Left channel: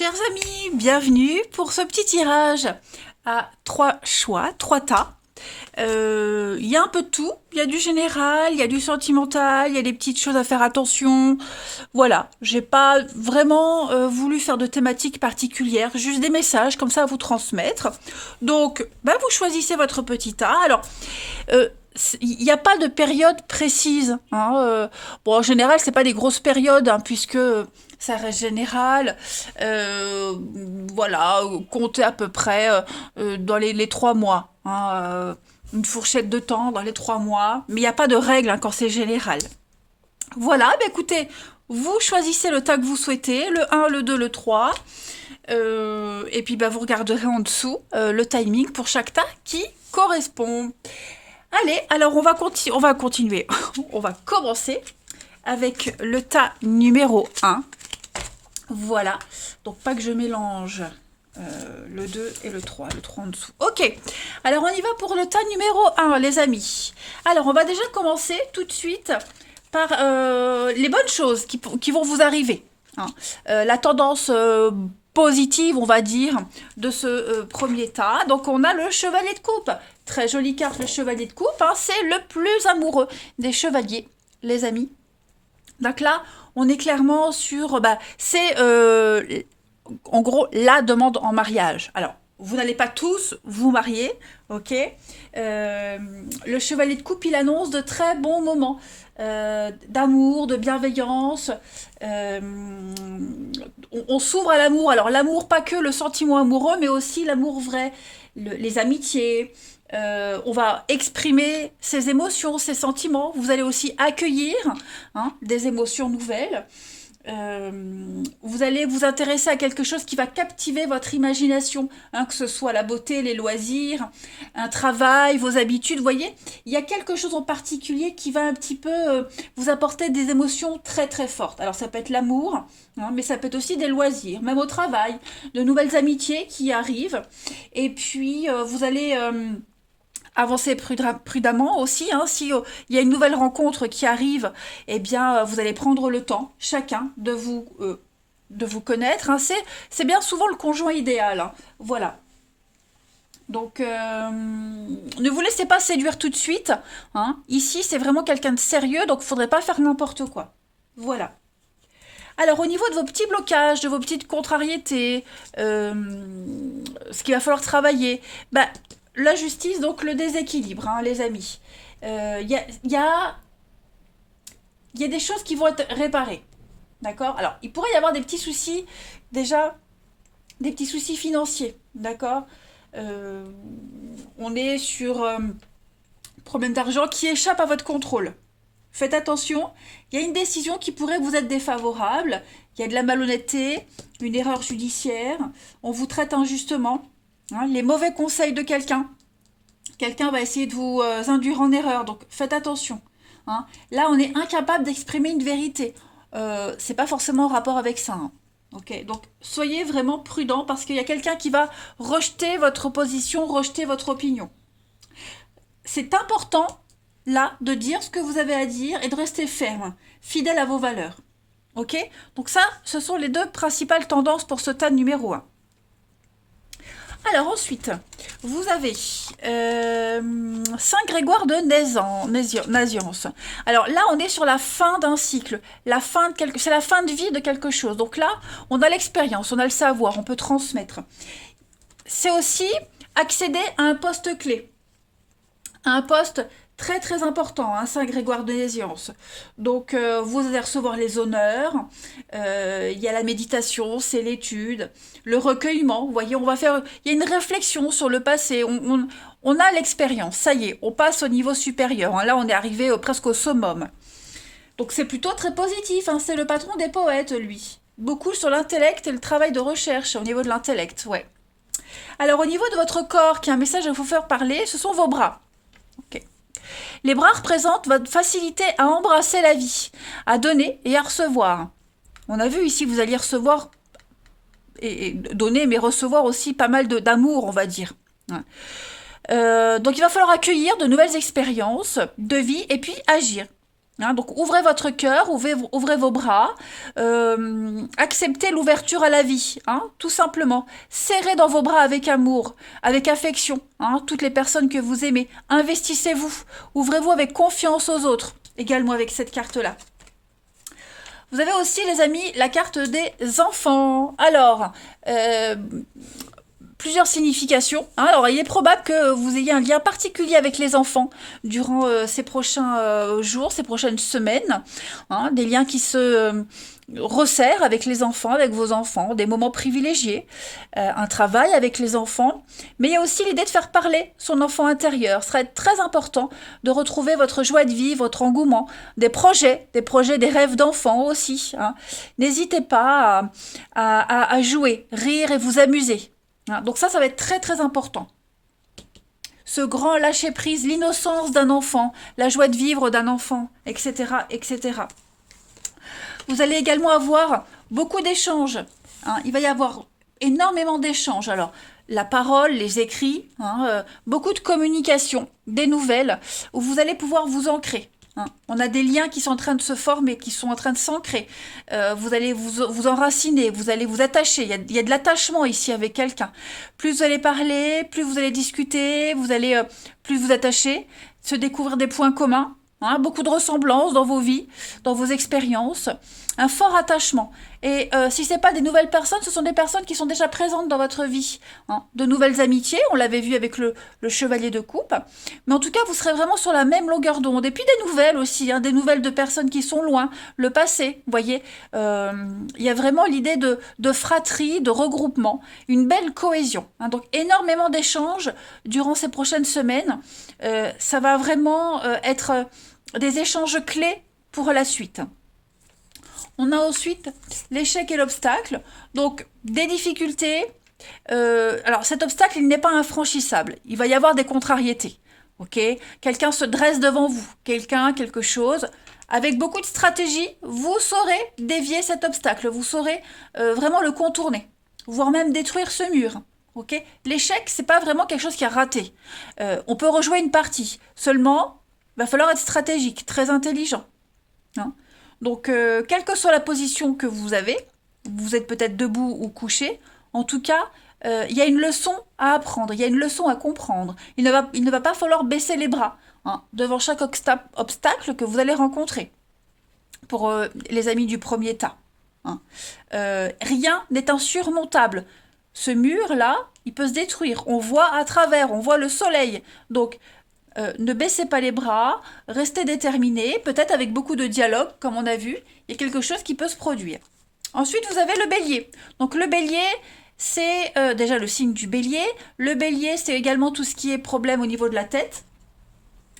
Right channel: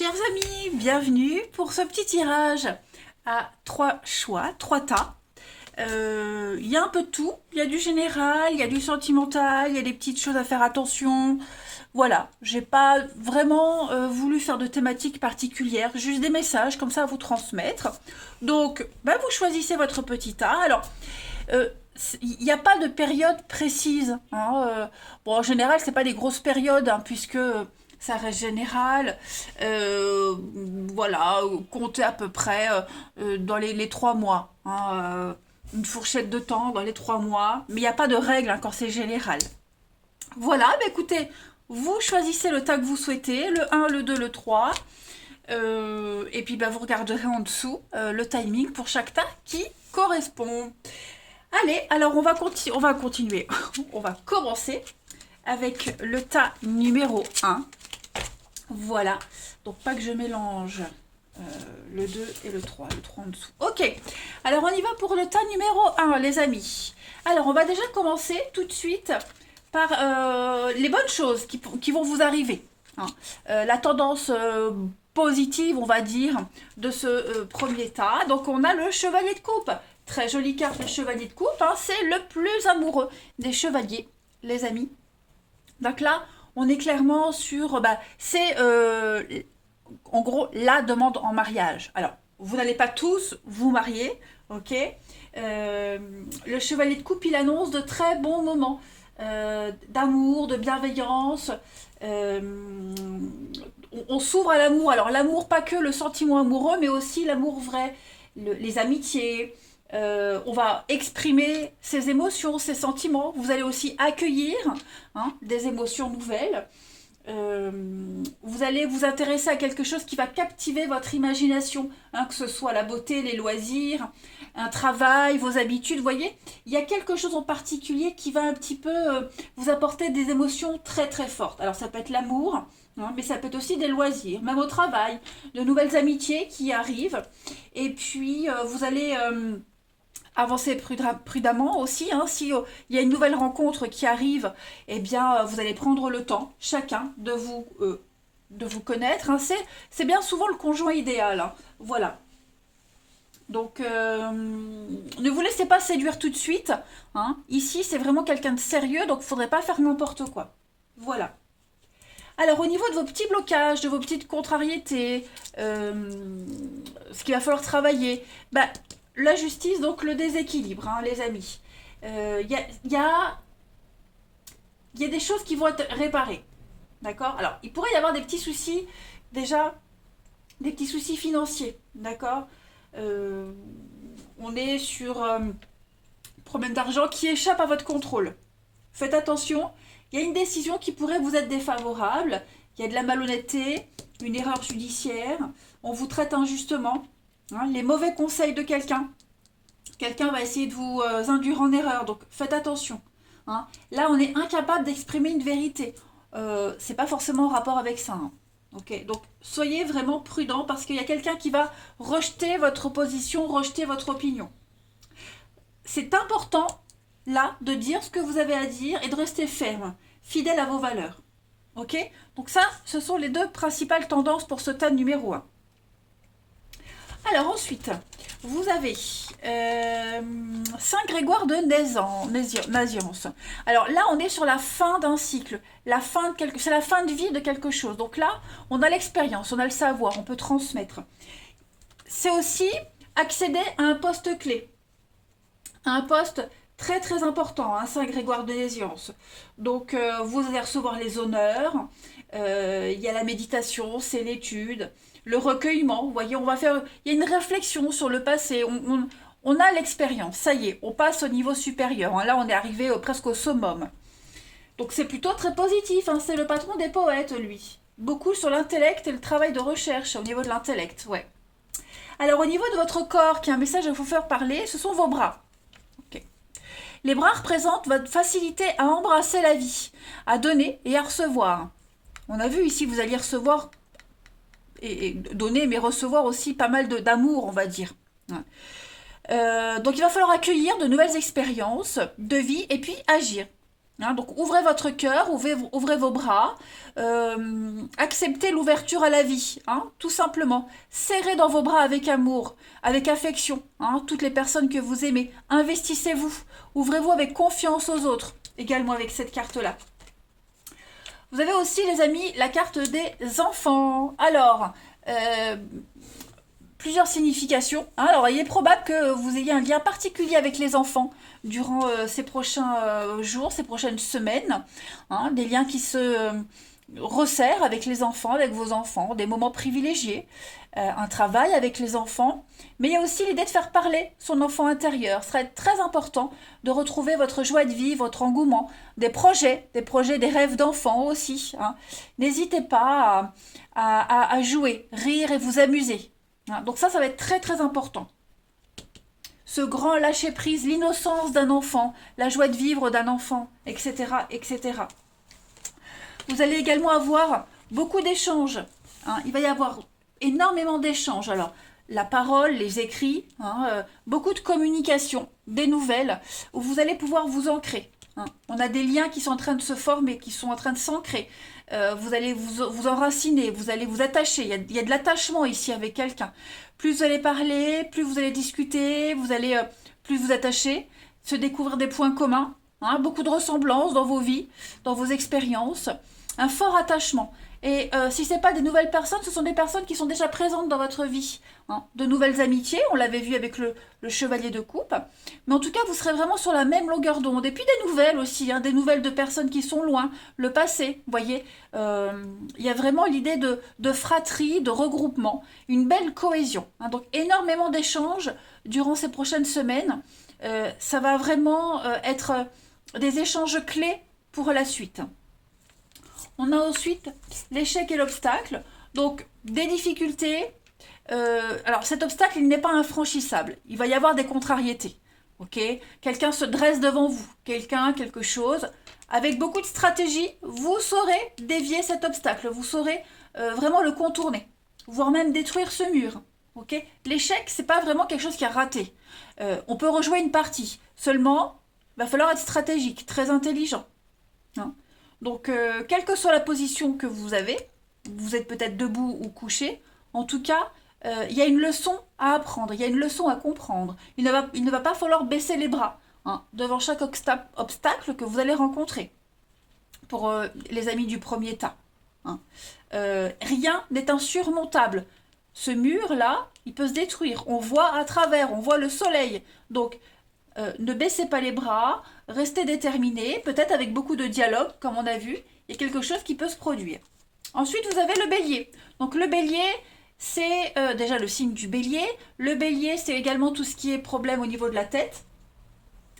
Chers amis, bienvenue pour ce petit tirage à 3 choix, 3 tas. Il y a un peu de tout, il y a du général, il y a du sentimental, il y a des petites choses à faire attention. Voilà, j'ai pas vraiment voulu faire de thématique particulière, juste des messages comme ça à vous transmettre. Donc, vous choisissez votre petit tas. Alors, il n'y a pas de période précise, hein, bon, en général, c'est pas des grosses périodes, hein, puisque ça reste général. Euh, voilà, comptez à peu près dans les 3 mois, hein, une fourchette de temps dans les 3 mois. Mais il n'y a pas de règle, hein, quand c'est général. Voilà, écoutez, vous choisissez le tas que vous souhaitez, le un, le 2, le 3. Et puis vous regarderez en dessous le timing pour chaque tas qui correspond. Allez, alors on va continuer. On va commencer avec le tas numéro 1. Voilà. Donc pas que je mélange le 2 et le 3 en dessous. Ok. Alors on y va pour le tas numéro 1, les amis. Alors on va déjà commencer tout de suite par les bonnes choses qui vont vous arriver, hein. La tendance positive, on va dire, de ce premier tas. Donc on a le chevalier de coupe. Très jolie carte, le chevalier de coupe, hein. C'est le plus amoureux des chevaliers, les amis. Donc là, on est clairement sur... c'est en gros la demande en mariage. Alors, vous n'allez pas tous vous marier, ok. Le chevalier de coupe, il annonce de très bons moments d'amour, de bienveillance. On s'ouvre à l'amour. Alors, l'amour, pas que le sentiment amoureux, mais aussi l'amour vrai, les amitiés. On va exprimer ses émotions, ses sentiments. Vous allez aussi accueillir, hein, des émotions nouvelles. Vous allez vous intéresser à quelque chose qui va captiver votre imagination, hein, que ce soit la beauté, les loisirs, un travail, vos habitudes. Vous voyez, il y a quelque chose en particulier qui va un petit peu vous apporter des émotions très très fortes. Alors ça peut être l'amour, hein, mais ça peut être aussi des loisirs, même au travail, de nouvelles amitiés qui arrivent. Et puis vous allez... avancer prudemment aussi, hein. Si il y a une nouvelle rencontre qui arrive, eh bien, vous allez prendre le temps, chacun, de vous connaître, hein. C'est bien souvent le conjoint idéal, hein. Voilà. Donc, ne vous laissez pas séduire tout de suite, hein. Ici, c'est vraiment quelqu'un de sérieux, donc il ne faudrait pas faire n'importe quoi. Voilà. Alors, au niveau de vos petits blocages, de vos petites contrariétés, ce qu'il va falloir travailler, la justice, donc le déséquilibre, hein, les amis. Il y a des choses qui vont être réparées. D'accord. Alors, il pourrait y avoir des petits soucis, déjà, des petits soucis financiers. D'accord. Euh, on est sur problème d'argent qui échappe à votre contrôle. Faites attention, il y a une décision qui pourrait vous être défavorable, il y a de la malhonnêteté, une erreur judiciaire, on vous traite injustement, hein, les mauvais conseils de quelqu'un. Quelqu'un va essayer de vous induire en erreur, donc faites attention, hein. Là, on est incapable d'exprimer une vérité. C'est pas forcément en rapport avec ça, hein. Ok, donc soyez vraiment prudent parce qu'il y a quelqu'un qui va rejeter votre position, rejeter votre opinion. C'est important, là, de dire ce que vous avez à dire et de rester ferme, fidèle à vos valeurs. Ok. Donc ça, ce sont les deux principales tendances pour ce tas numéro 1. Alors ensuite, vous avez Saint Grégoire de Naziance. Alors là, on est sur la fin d'un cycle. C'est la fin de vie de quelque chose. Donc là, on a l'expérience, on a le savoir, on peut transmettre. C'est aussi accéder à un poste clé, à un poste très très important, hein, Saint Grégoire de Naziance. Donc vous allez recevoir les honneurs, il y a la méditation, c'est l'étude, le recueillement. Vous voyez, il y a une réflexion sur le passé. On a l'expérience, ça y est, on passe au niveau supérieur, hein. Là, on est arrivé presque au summum. Donc c'est plutôt très positif, hein. C'est le patron des poètes, lui. Beaucoup sur l'intellect et le travail de recherche au niveau de l'intellect, ouais. Alors au niveau de votre corps, qui a un message à vous faire parler, ce sont vos bras. Ok. Les bras représentent votre facilité à embrasser la vie, à donner et à recevoir. On a vu ici, vous alliez recevoir et donner, mais recevoir aussi pas mal d'amour, on va dire. Donc il va falloir accueillir de nouvelles expériences de vie et puis agir. Hein, donc ouvrez votre cœur, ouvrez vos bras, acceptez l'ouverture à la vie, hein, tout simplement. Serrez dans vos bras avec amour, avec affection, hein, toutes les personnes que vous aimez. Investissez-vous, ouvrez-vous avec confiance aux autres, également avec cette carte-là. Vous avez aussi, les amis, la carte des enfants. Alors, plusieurs significations. Hein. Alors, il est probable que vous ayez un lien particulier avec les enfants durant ces prochains jours, ces prochaines semaines. Hein. Des liens qui se resserrent avec les enfants, avec vos enfants, des moments privilégiés, un travail avec les enfants. Mais il y a aussi l'idée de faire parler son enfant intérieur. Ce serait très important de retrouver votre joie de vivre, votre engouement, des projets, des rêves d'enfants aussi. Hein. N'hésitez pas à jouer, rire et vous amuser. Hein, donc ça va être très très important. Ce grand lâcher-prise, l'innocence d'un enfant, la joie de vivre d'un enfant, etc., etc. Vous allez également avoir beaucoup d'échanges. Hein, il va y avoir énormément d'échanges. Alors, la parole, les écrits, hein, beaucoup de communication, des nouvelles, où vous allez pouvoir vous ancrer. Hein. On a des liens qui sont en train de se former, qui sont en train de s'ancrer. Vous allez vous enraciner, vous allez vous attacher. Il y a de l'attachement ici avec quelqu'un. Plus vous allez parler, plus vous allez discuter, vous allez plus vous attacher, se découvrir des points communs. Hein, beaucoup de ressemblances dans vos vies, dans vos expériences, un fort attachement. Et si ce n'est pas des nouvelles personnes, ce sont des personnes qui sont déjà présentes dans votre vie. Hein. De nouvelles amitiés, on l'avait vu avec le chevalier de coupe. Mais en tout cas, vous serez vraiment sur la même longueur d'onde. Et puis des nouvelles aussi, hein, des nouvelles de personnes qui sont loin, le passé. Vous voyez, il y a vraiment l'idée de fratrie, de regroupement, une belle cohésion. Hein. Donc énormément d'échanges durant ces prochaines semaines. Ça va vraiment être des échanges clés pour la suite. On a ensuite l'échec et l'obstacle. Donc, des difficultés. Alors, cet obstacle, il n'est pas infranchissable. Il va y avoir des contrariétés. Ok ? Quelqu'un se dresse devant vous. Quelque chose. Avec beaucoup de stratégie, vous saurez dévier cet obstacle. Vous saurez vraiment le contourner. Voire même détruire ce mur. Ok ? L'échec, c'est pas vraiment quelque chose qui a raté. On peut rejouer une partie. Seulement, il va falloir être stratégique, très intelligent. Hein. Donc, quelle que soit la position que vous avez, vous êtes peut-être debout ou couché, en tout cas, il y a une leçon à apprendre, il y a une leçon à comprendre. Il ne va pas falloir baisser les bras hein, devant chaque obstacle que vous allez rencontrer pour les amis du premier tas. Hein. Rien n'est insurmontable. Ce mur-là, il peut se détruire. On voit à travers, on voit le soleil. Donc, ne baissez pas les bras, restez déterminés, peut-être avec beaucoup de dialogue, comme on a vu, il y a quelque chose qui peut se produire. Ensuite, vous avez le bélier. Donc le bélier, c'est déjà le signe du bélier. Le bélier, c'est également tout ce qui est problème au niveau de la tête.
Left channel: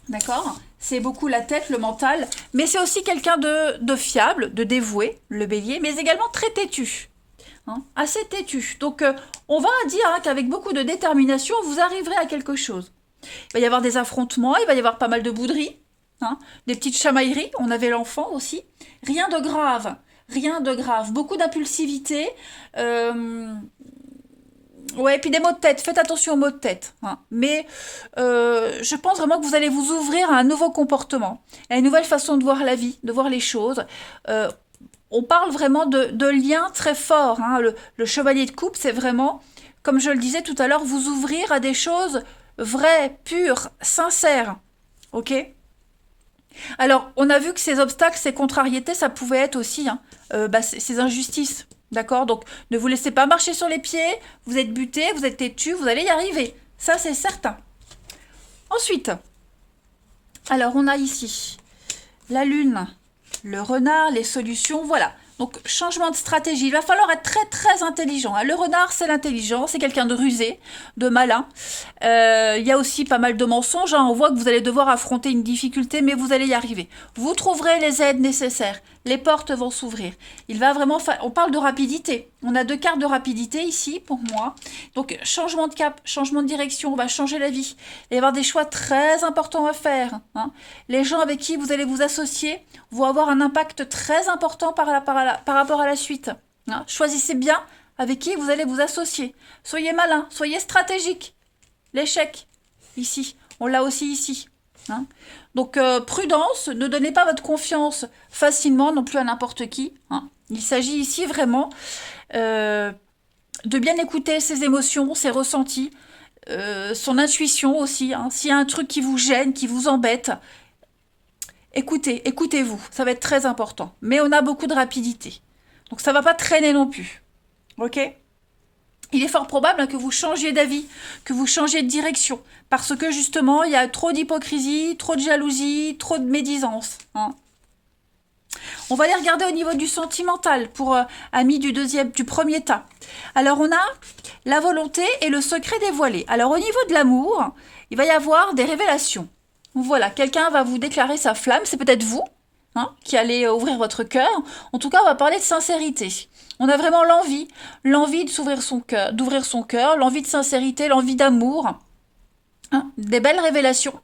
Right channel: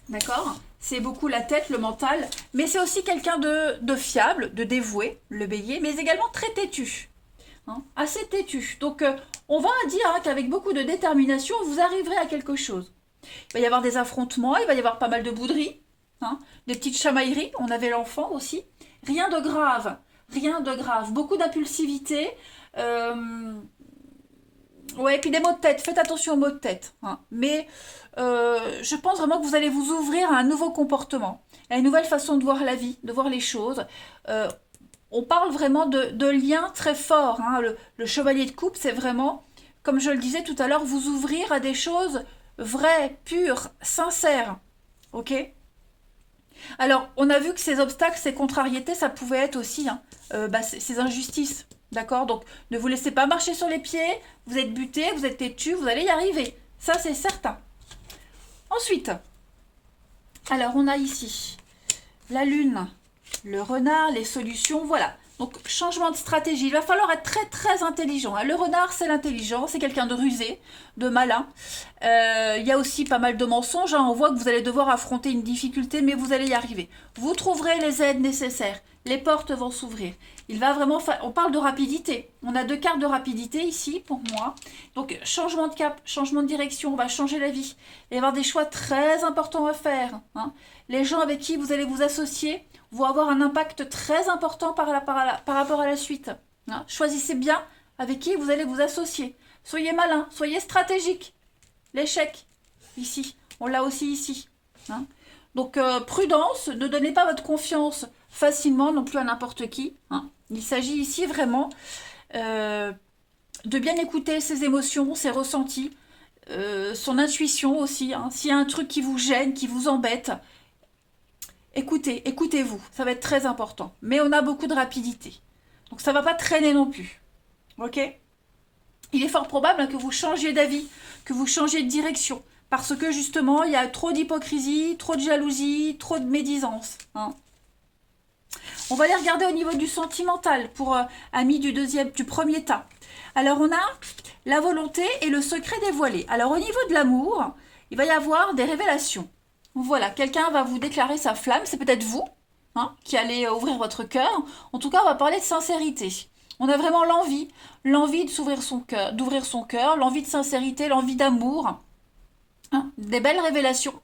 D'accord ? C'est beaucoup la tête, le mental, mais c'est aussi quelqu'un de fiable, de dévoué, le bélier, mais également très têtu. Hein, assez têtu. Donc on va dire hein, qu'avec beaucoup de détermination, vous arriverez à quelque chose. Il va y avoir des affrontements, il va y avoir pas mal de bouderies, hein, des petites chamailleries, on avait l'enfant aussi. Rien de grave, beaucoup d'impulsivité. Ouais, et puis des maux de tête, faites attention aux maux de tête. Hein. Mais je pense vraiment que vous allez vous ouvrir à un nouveau comportement, à une nouvelle façon de voir la vie, de voir les choses. On parle vraiment de liens très forts. Hein. Le chevalier de coupe, c'est vraiment, comme je le disais tout à l'heure, vous ouvrir à des choses vrai, pur, sincère. Ok ? Alors, on a vu que ces obstacles, ces contrariétés, ça pouvait être aussi hein, ces injustices. D'accord ? Donc, ne vous laissez pas marcher sur les pieds. Vous êtes buté, vous êtes têtu, vous allez y arriver. Ça, c'est certain. Ensuite, alors, on a ici la lune, le renard, les solutions. Voilà. Donc, changement de stratégie. Il va falloir être très, très intelligent. Le renard, c'est l'intelligence. C'est quelqu'un de rusé, de malin. Il y a aussi pas mal de mensonges. On voit que vous allez devoir affronter une difficulté, mais vous allez y arriver. Vous trouverez les aides nécessaires. Les portes vont s'ouvrir. Il va vraiment... On parle de rapidité. On a 2 cartes de rapidité ici, pour moi. Donc, changement de cap, changement de direction. On va changer la vie. Il va y avoir des choix très importants à faire. Hein. Les gens avec qui vous allez vous associer vont avoir un impact très important par rapport à la suite. Hein. Choisissez bien avec qui vous allez vous associer. Soyez malin, soyez stratégique. L'échec, ici, on l'a aussi ici. Hein. Donc, prudence, ne donnez pas votre confiance facilement non plus à n'importe qui, hein. Il s'agit ici vraiment euh, de bien écouter ses émotions, ses ressentis, son intuition aussi, hein. S'il y a un truc qui vous gêne, qui vous embête, écoutez, écoutez-vous, ça va être très important. Mais on a beaucoup de rapidité. Donc ça va pas traîner non plus. Ok? Il est fort probable que vous changiez d'avis, que vous changiez de direction, parce que justement, il y a trop d'hypocrisie, trop de jalousie, trop de médisance, hein. On va aller regarder au niveau du sentimental pour amis du premier tas. Alors on a la volonté et le secret dévoilé. Alors au niveau de l'amour, il va y avoir des révélations. Voilà, quelqu'un va vous déclarer sa flamme, c'est peut-être vous, hein, qui allez ouvrir votre cœur. En tout cas, on va parler de sincérité. On a vraiment l'envie de s'ouvrir son cœur, d'ouvrir son cœur, l'envie de sincérité, l'envie d'amour, hein, des belles révélations.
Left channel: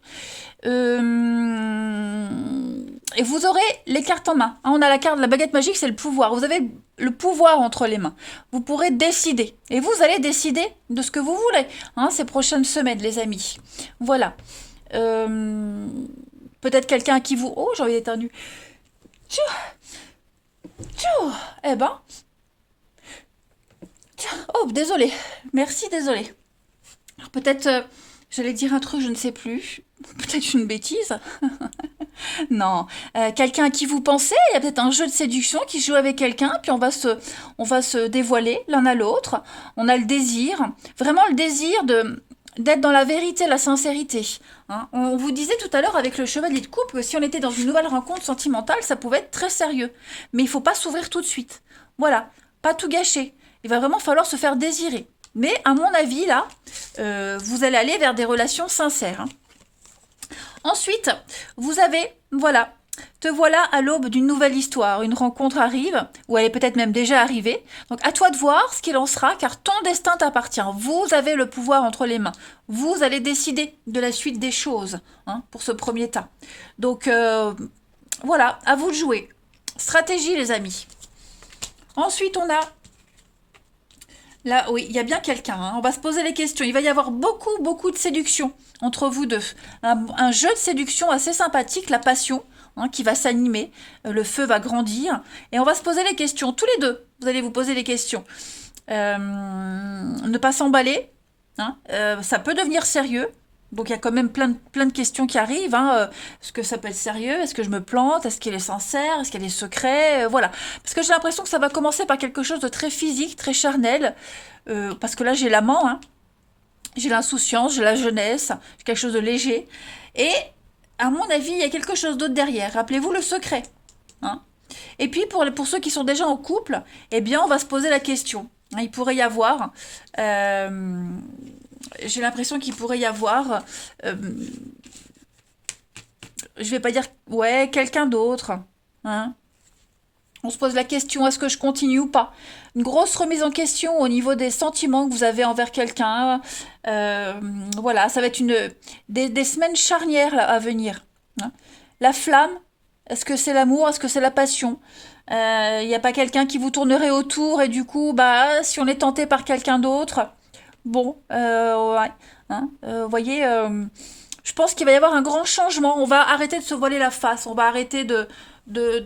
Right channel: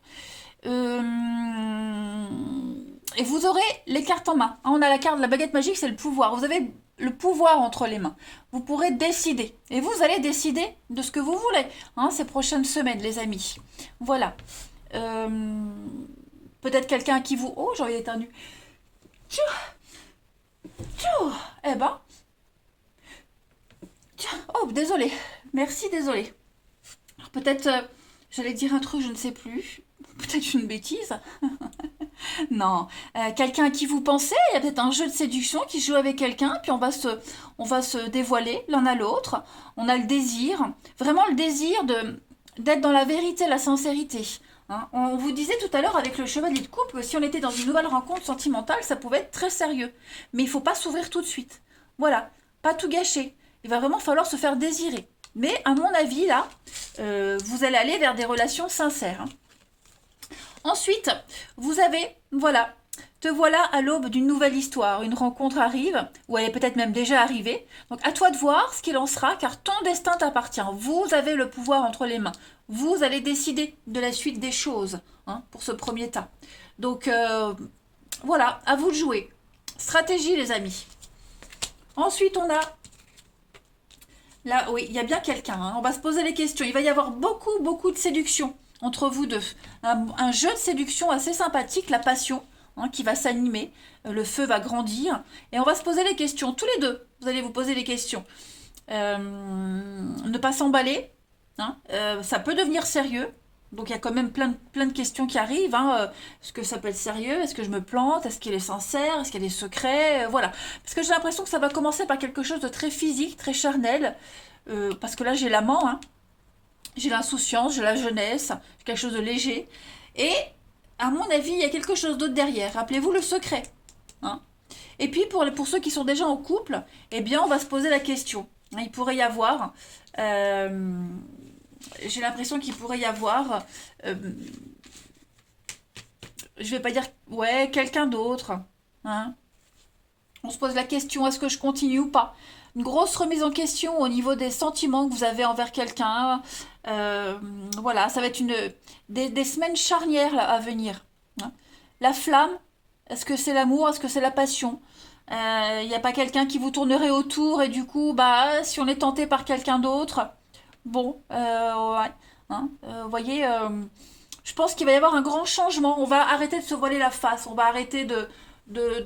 Et vous aurez les cartes en main, hein. On a la carte de la baguette magique, c'est le pouvoir. Vous avez le pouvoir entre les mains. Vous pourrez décider. Et vous allez décider de ce que vous voulez, hein, ces prochaines semaines, les amis. Voilà. Euh, Peut-être quelqu'un qui vous... Oh, j'ai envie d'éternuer. Tchou, tchou. Eh ben... Oh, désolé. Merci, désolé. Peut-être... j'allais dire un truc, je ne sais plus. Peut-être une bêtise. Non, quelqu'un à qui vous pensez, il y a peut-être un jeu de séduction qui se joue avec quelqu'un, puis on va se dévoiler l'un à l'autre. On a le désir, vraiment le désir d'être dans la vérité, la sincérité, hein. On vous disait tout à l'heure avec le chevalier de coupe que si on était dans une nouvelle rencontre sentimentale, ça pouvait être très sérieux. Mais il faut pas s'ouvrir tout de suite. Voilà, pas tout gâcher. Il va vraiment falloir se faire désirer. Mais à mon avis, là, vous allez aller vers des relations sincères, hein. Ensuite, vous avez, voilà, te voilà à l'aube d'une nouvelle histoire. Une rencontre arrive, ou elle est peut-être même déjà arrivée. Donc à toi de voir ce qu'il en sera, car ton destin t'appartient. Vous avez le pouvoir entre les mains. Vous allez décider de la suite des choses, hein, pour ce premier tas. Donc voilà, à vous de jouer. Stratégie, les amis. Ensuite, on a là, oui, il y a bien quelqu'un, hein. On va se poser les questions. Il va y avoir beaucoup, beaucoup de séduction entre vous deux. Un jeu de séduction assez sympathique, la passion, hein, qui va s'animer. Le feu va grandir. Et on va se poser les questions. Tous les deux, vous allez vous poser les questions. Ne pas s'emballer, hein. Ça peut devenir sérieux. Donc il y a quand même plein de questions qui arrivent, hein. Est-ce que ça peut être sérieux? Est-ce que je me plante? Est-ce qu'il est sincère? Est-ce qu'il y a des secrets? Voilà. Parce que j'ai l'impression que ça va commencer par quelque chose de très physique, très charnel. Parce que là j'ai l'amant, hein. J'ai l'insouciance, j'ai la jeunesse, j'ai quelque chose de léger. Et à mon avis, il y a quelque chose d'autre derrière. Rappelez-vous le secret, hein. Et puis pour ceux qui sont déjà en couple, eh bien on va se poser la question. Il pourrait y avoir... j'ai l'impression qu'il pourrait y avoir, euh, je vais pas dire, ouais, quelqu'un d'autre, hein. On se pose la question, est-ce que je continue ou pas? Une grosse remise en question au niveau des sentiments que vous avez envers quelqu'un. Euh, voilà, ça va être des semaines charnières là, à venir, hein. La flamme, est-ce que c'est l'amour? Est-ce que c'est la passion? Il n'y a pas quelqu'un qui vous tournerait autour et du coup, bah, si on est tenté par quelqu'un d'autre, bon, ouais, hein, vous voyez, je pense qu'il va y avoir un grand changement. On va arrêter de se voiler la face. On va arrêter de, de,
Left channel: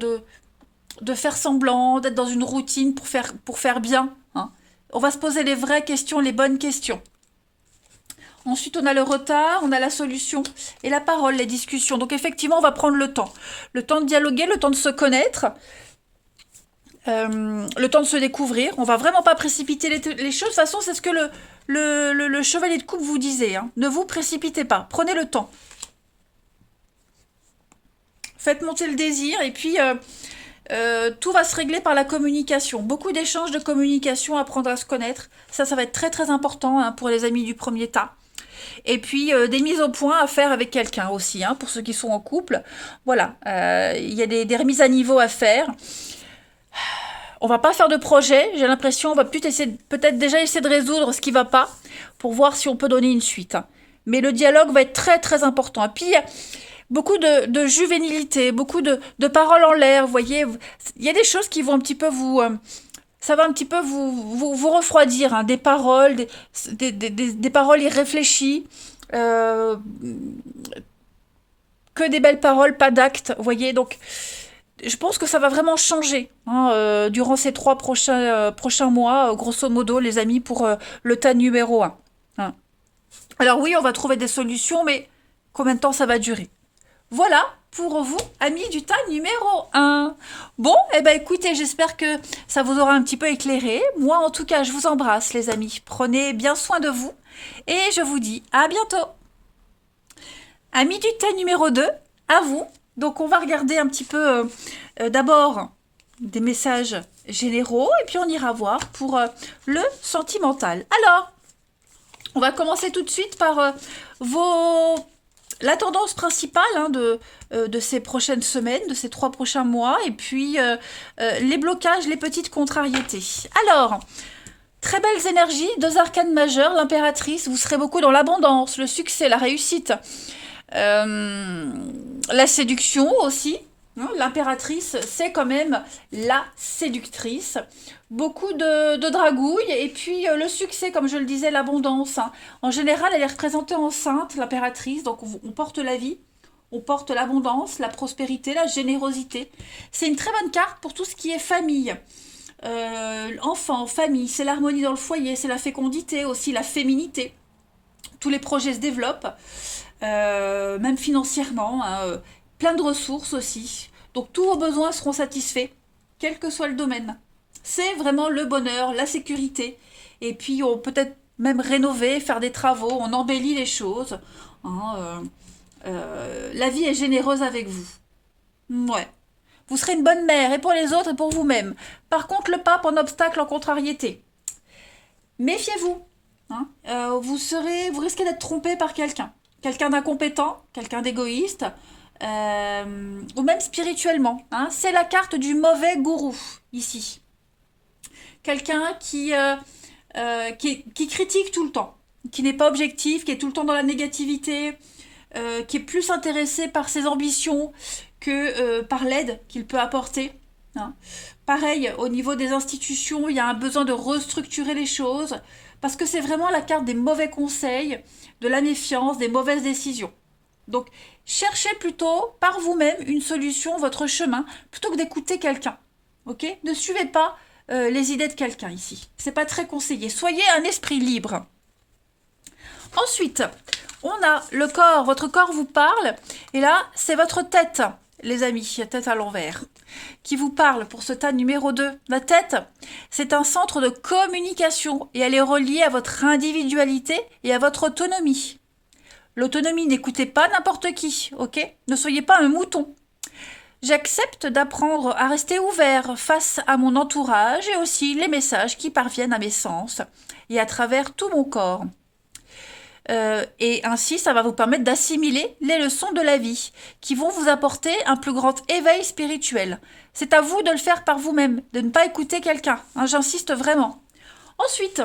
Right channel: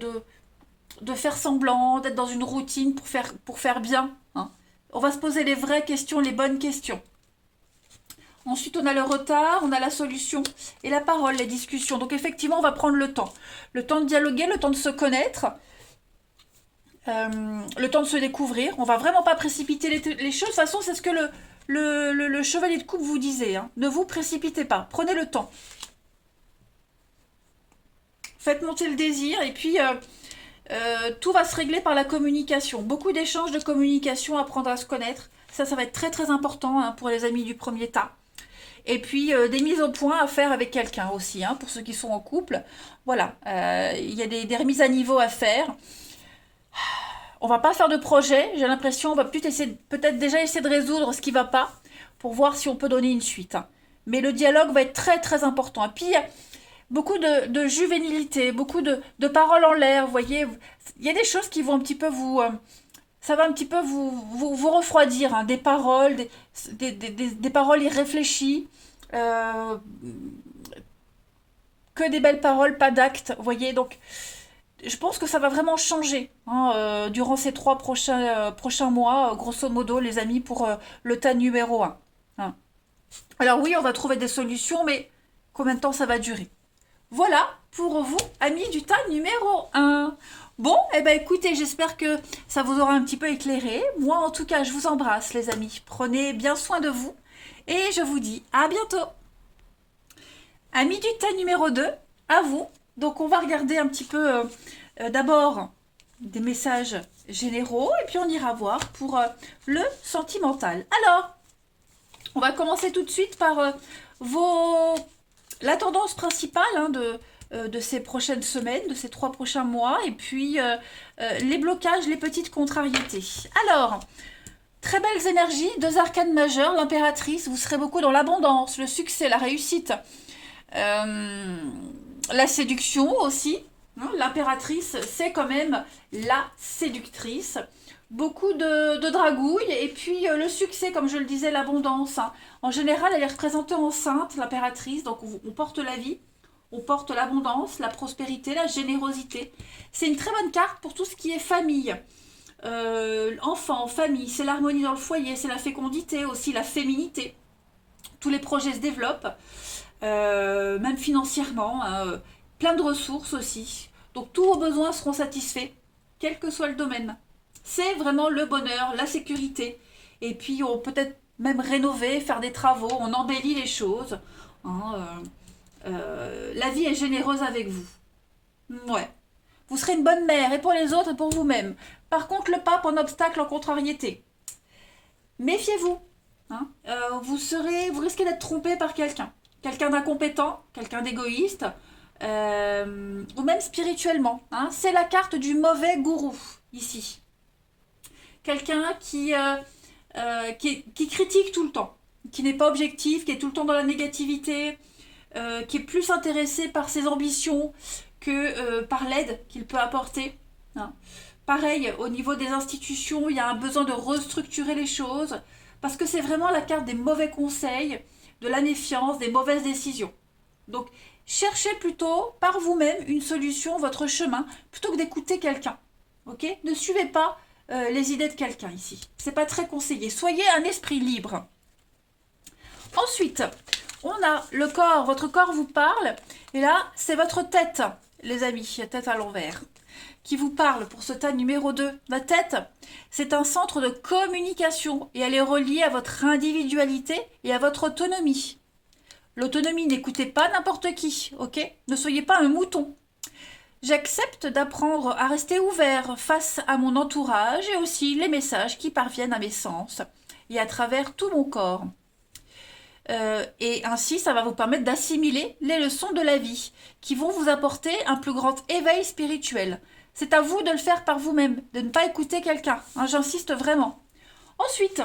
de faire semblant, d'être dans une routine pour faire bien, hein. On va se poser les vraies questions, les bonnes questions. Ensuite, on a le retard, on a la solution et la parole, les discussions. Donc effectivement, on va prendre le temps. Le temps de dialoguer, le temps de se connaître, le temps de se découvrir. On va vraiment pas précipiter les choses. De toute façon, c'est ce que le chevalier de coupe vous disait, hein. Ne vous précipitez pas. Prenez le temps. Faites monter le désir et puis tout va se régler par la communication. Beaucoup d'échanges de communication, apprendre à se connaître. Ça va être très très important, hein, pour les amis du premier tas. Et puis des mises au point à faire avec quelqu'un aussi, hein, pour ceux qui sont en couple. Voilà, il y a des remises à niveau à faire. On va pas faire de projet, j'ai l'impression, on va peut-être déjà essayer de résoudre ce qui va pas pour voir si on peut donner une suite, hein. Mais le dialogue va être très très important. Et puis il y a beaucoup de juvénilité, beaucoup de paroles en l'air, vous voyez. Il y a des choses qui vont un petit peu ça va un petit peu vous refroidir, hein. Des paroles, des paroles irréfléchies, euh, que des belles paroles, pas d'actes, vous voyez. Donc, je pense que ça va vraiment changer hein, durant ces 3 prochains mois, grosso modo, les amis, pour le tas numéro 1. Hein. Alors oui, on va trouver des solutions, mais combien de temps ça va durer? Voilà pour vous, amis du tas numéro 1. Bon, eh ben écoutez, j'espère que ça vous aura un petit peu éclairé. Moi, en tout cas, je vous embrasse, les amis. Prenez bien soin de vous et je vous dis à bientôt. Amis du tas numéro 2, à vous. Donc, on va regarder un petit peu d'abord des messages généraux et puis on ira voir pour le sentimental. Alors, on va commencer tout de suite par la tendance principale hein, de ces prochaines semaines, de ces 3 prochains mois, et puis les blocages, les petites contrariétés. Alors, très belles énergies, 2 arcanes majeures, l'impératrice, vous serez beaucoup dans l'abondance, le succès, la réussite, la séduction aussi. Hein, l'impératrice, c'est quand même la séductrice. Beaucoup de dragouilles et puis le succès, comme je le disais, l'abondance. Hein. En général, elle est représentée enceinte, l'impératrice, donc on porte la vie, on porte l'abondance, la prospérité, la générosité. C'est une très bonne carte pour tout ce qui est famille. Enfants, famille, c'est l'harmonie dans le foyer, c'est la fécondité aussi, la féminité. Tous les projets se développent, même financièrement, hein, plein de ressources aussi. Donc tous vos besoins seront satisfaits, quel que soit le domaine. C'est vraiment le bonheur, la sécurité. Et puis on peut peut-être même rénover, faire des travaux, on embellit les choses. Hein, la vie est généreuse avec vous. Ouais. Vous serez une bonne mère, et pour les autres, et pour vous-même. Par contre, le pape en obstacle, en contrariété. Méfiez-vous. Hein. Vous risquez d'être trompé par quelqu'un. Quelqu'un d'incompétent, quelqu'un d'égoïste, ou même spirituellement. Hein. C'est la carte du mauvais gourou, ici. Quelqu'un qui critique tout le temps, qui n'est pas objectif, qui est tout le temps dans la négativité, qui est plus intéressé par ses ambitions que par l'aide qu'il peut apporter. Hein. Pareil, au niveau des institutions, il y a un besoin de restructurer les choses, parce que c'est vraiment la carte des mauvais conseils, de la méfiance, des mauvaises décisions. Donc, cherchez plutôt par vous-même une solution, votre chemin, plutôt que d'écouter quelqu'un. Ok ? Ne suivez pas les idées de quelqu'un ici. C'est pas très conseillé. Soyez un esprit libre. Ensuite, on a le corps. Votre corps vous parle. Et là, c'est votre tête, les amis. La tête à l'envers. Qui vous parle pour ce tas numéro 2. La tête, c'est un centre de communication. Et elle est reliée à votre individualité et à votre autonomie. L'autonomie, n'écoutez pas n'importe qui. Ok ? Ne soyez pas un mouton. J'accepte d'apprendre à rester ouvert face à mon entourage et aussi les messages qui parviennent à mes sens et à travers tout mon corps. Et ainsi, ça va vous permettre d'assimiler les leçons de la vie qui vont vous apporter un plus grand éveil spirituel. C'est à vous de le faire par vous-même, de ne pas écouter quelqu'un. Hein, j'insiste vraiment. Ensuite,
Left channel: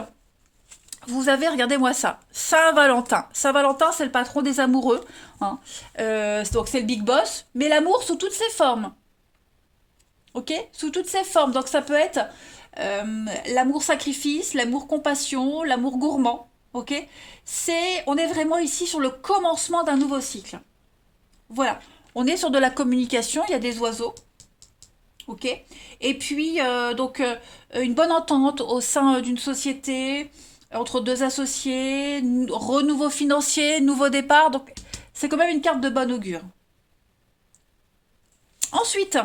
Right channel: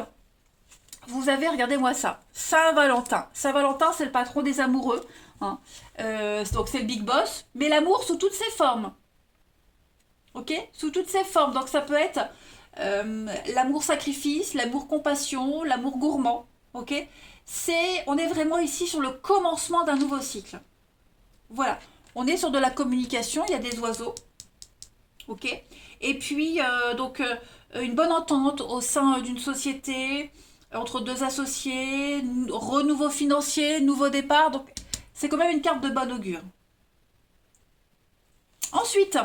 vous avez, regardez-moi ça, Saint-Valentin. Saint-Valentin, c'est le patron des amoureux. Hein. Donc c'est le big boss. Mais l'amour sous toutes ses formes. Ok ? Sous toutes ses formes. Donc ça peut être l'amour sacrifice, l'amour compassion, l'amour gourmand. Ok ? On est vraiment ici sur le commencement d'un nouveau cycle. Voilà. On est sur de la communication. Il y a des oiseaux. Ok ? Et puis, une bonne entente au sein d'une société, entre 2 associés, renouveau financier, nouveau départ. Donc, c'est quand même une carte de bon augure. Ensuite,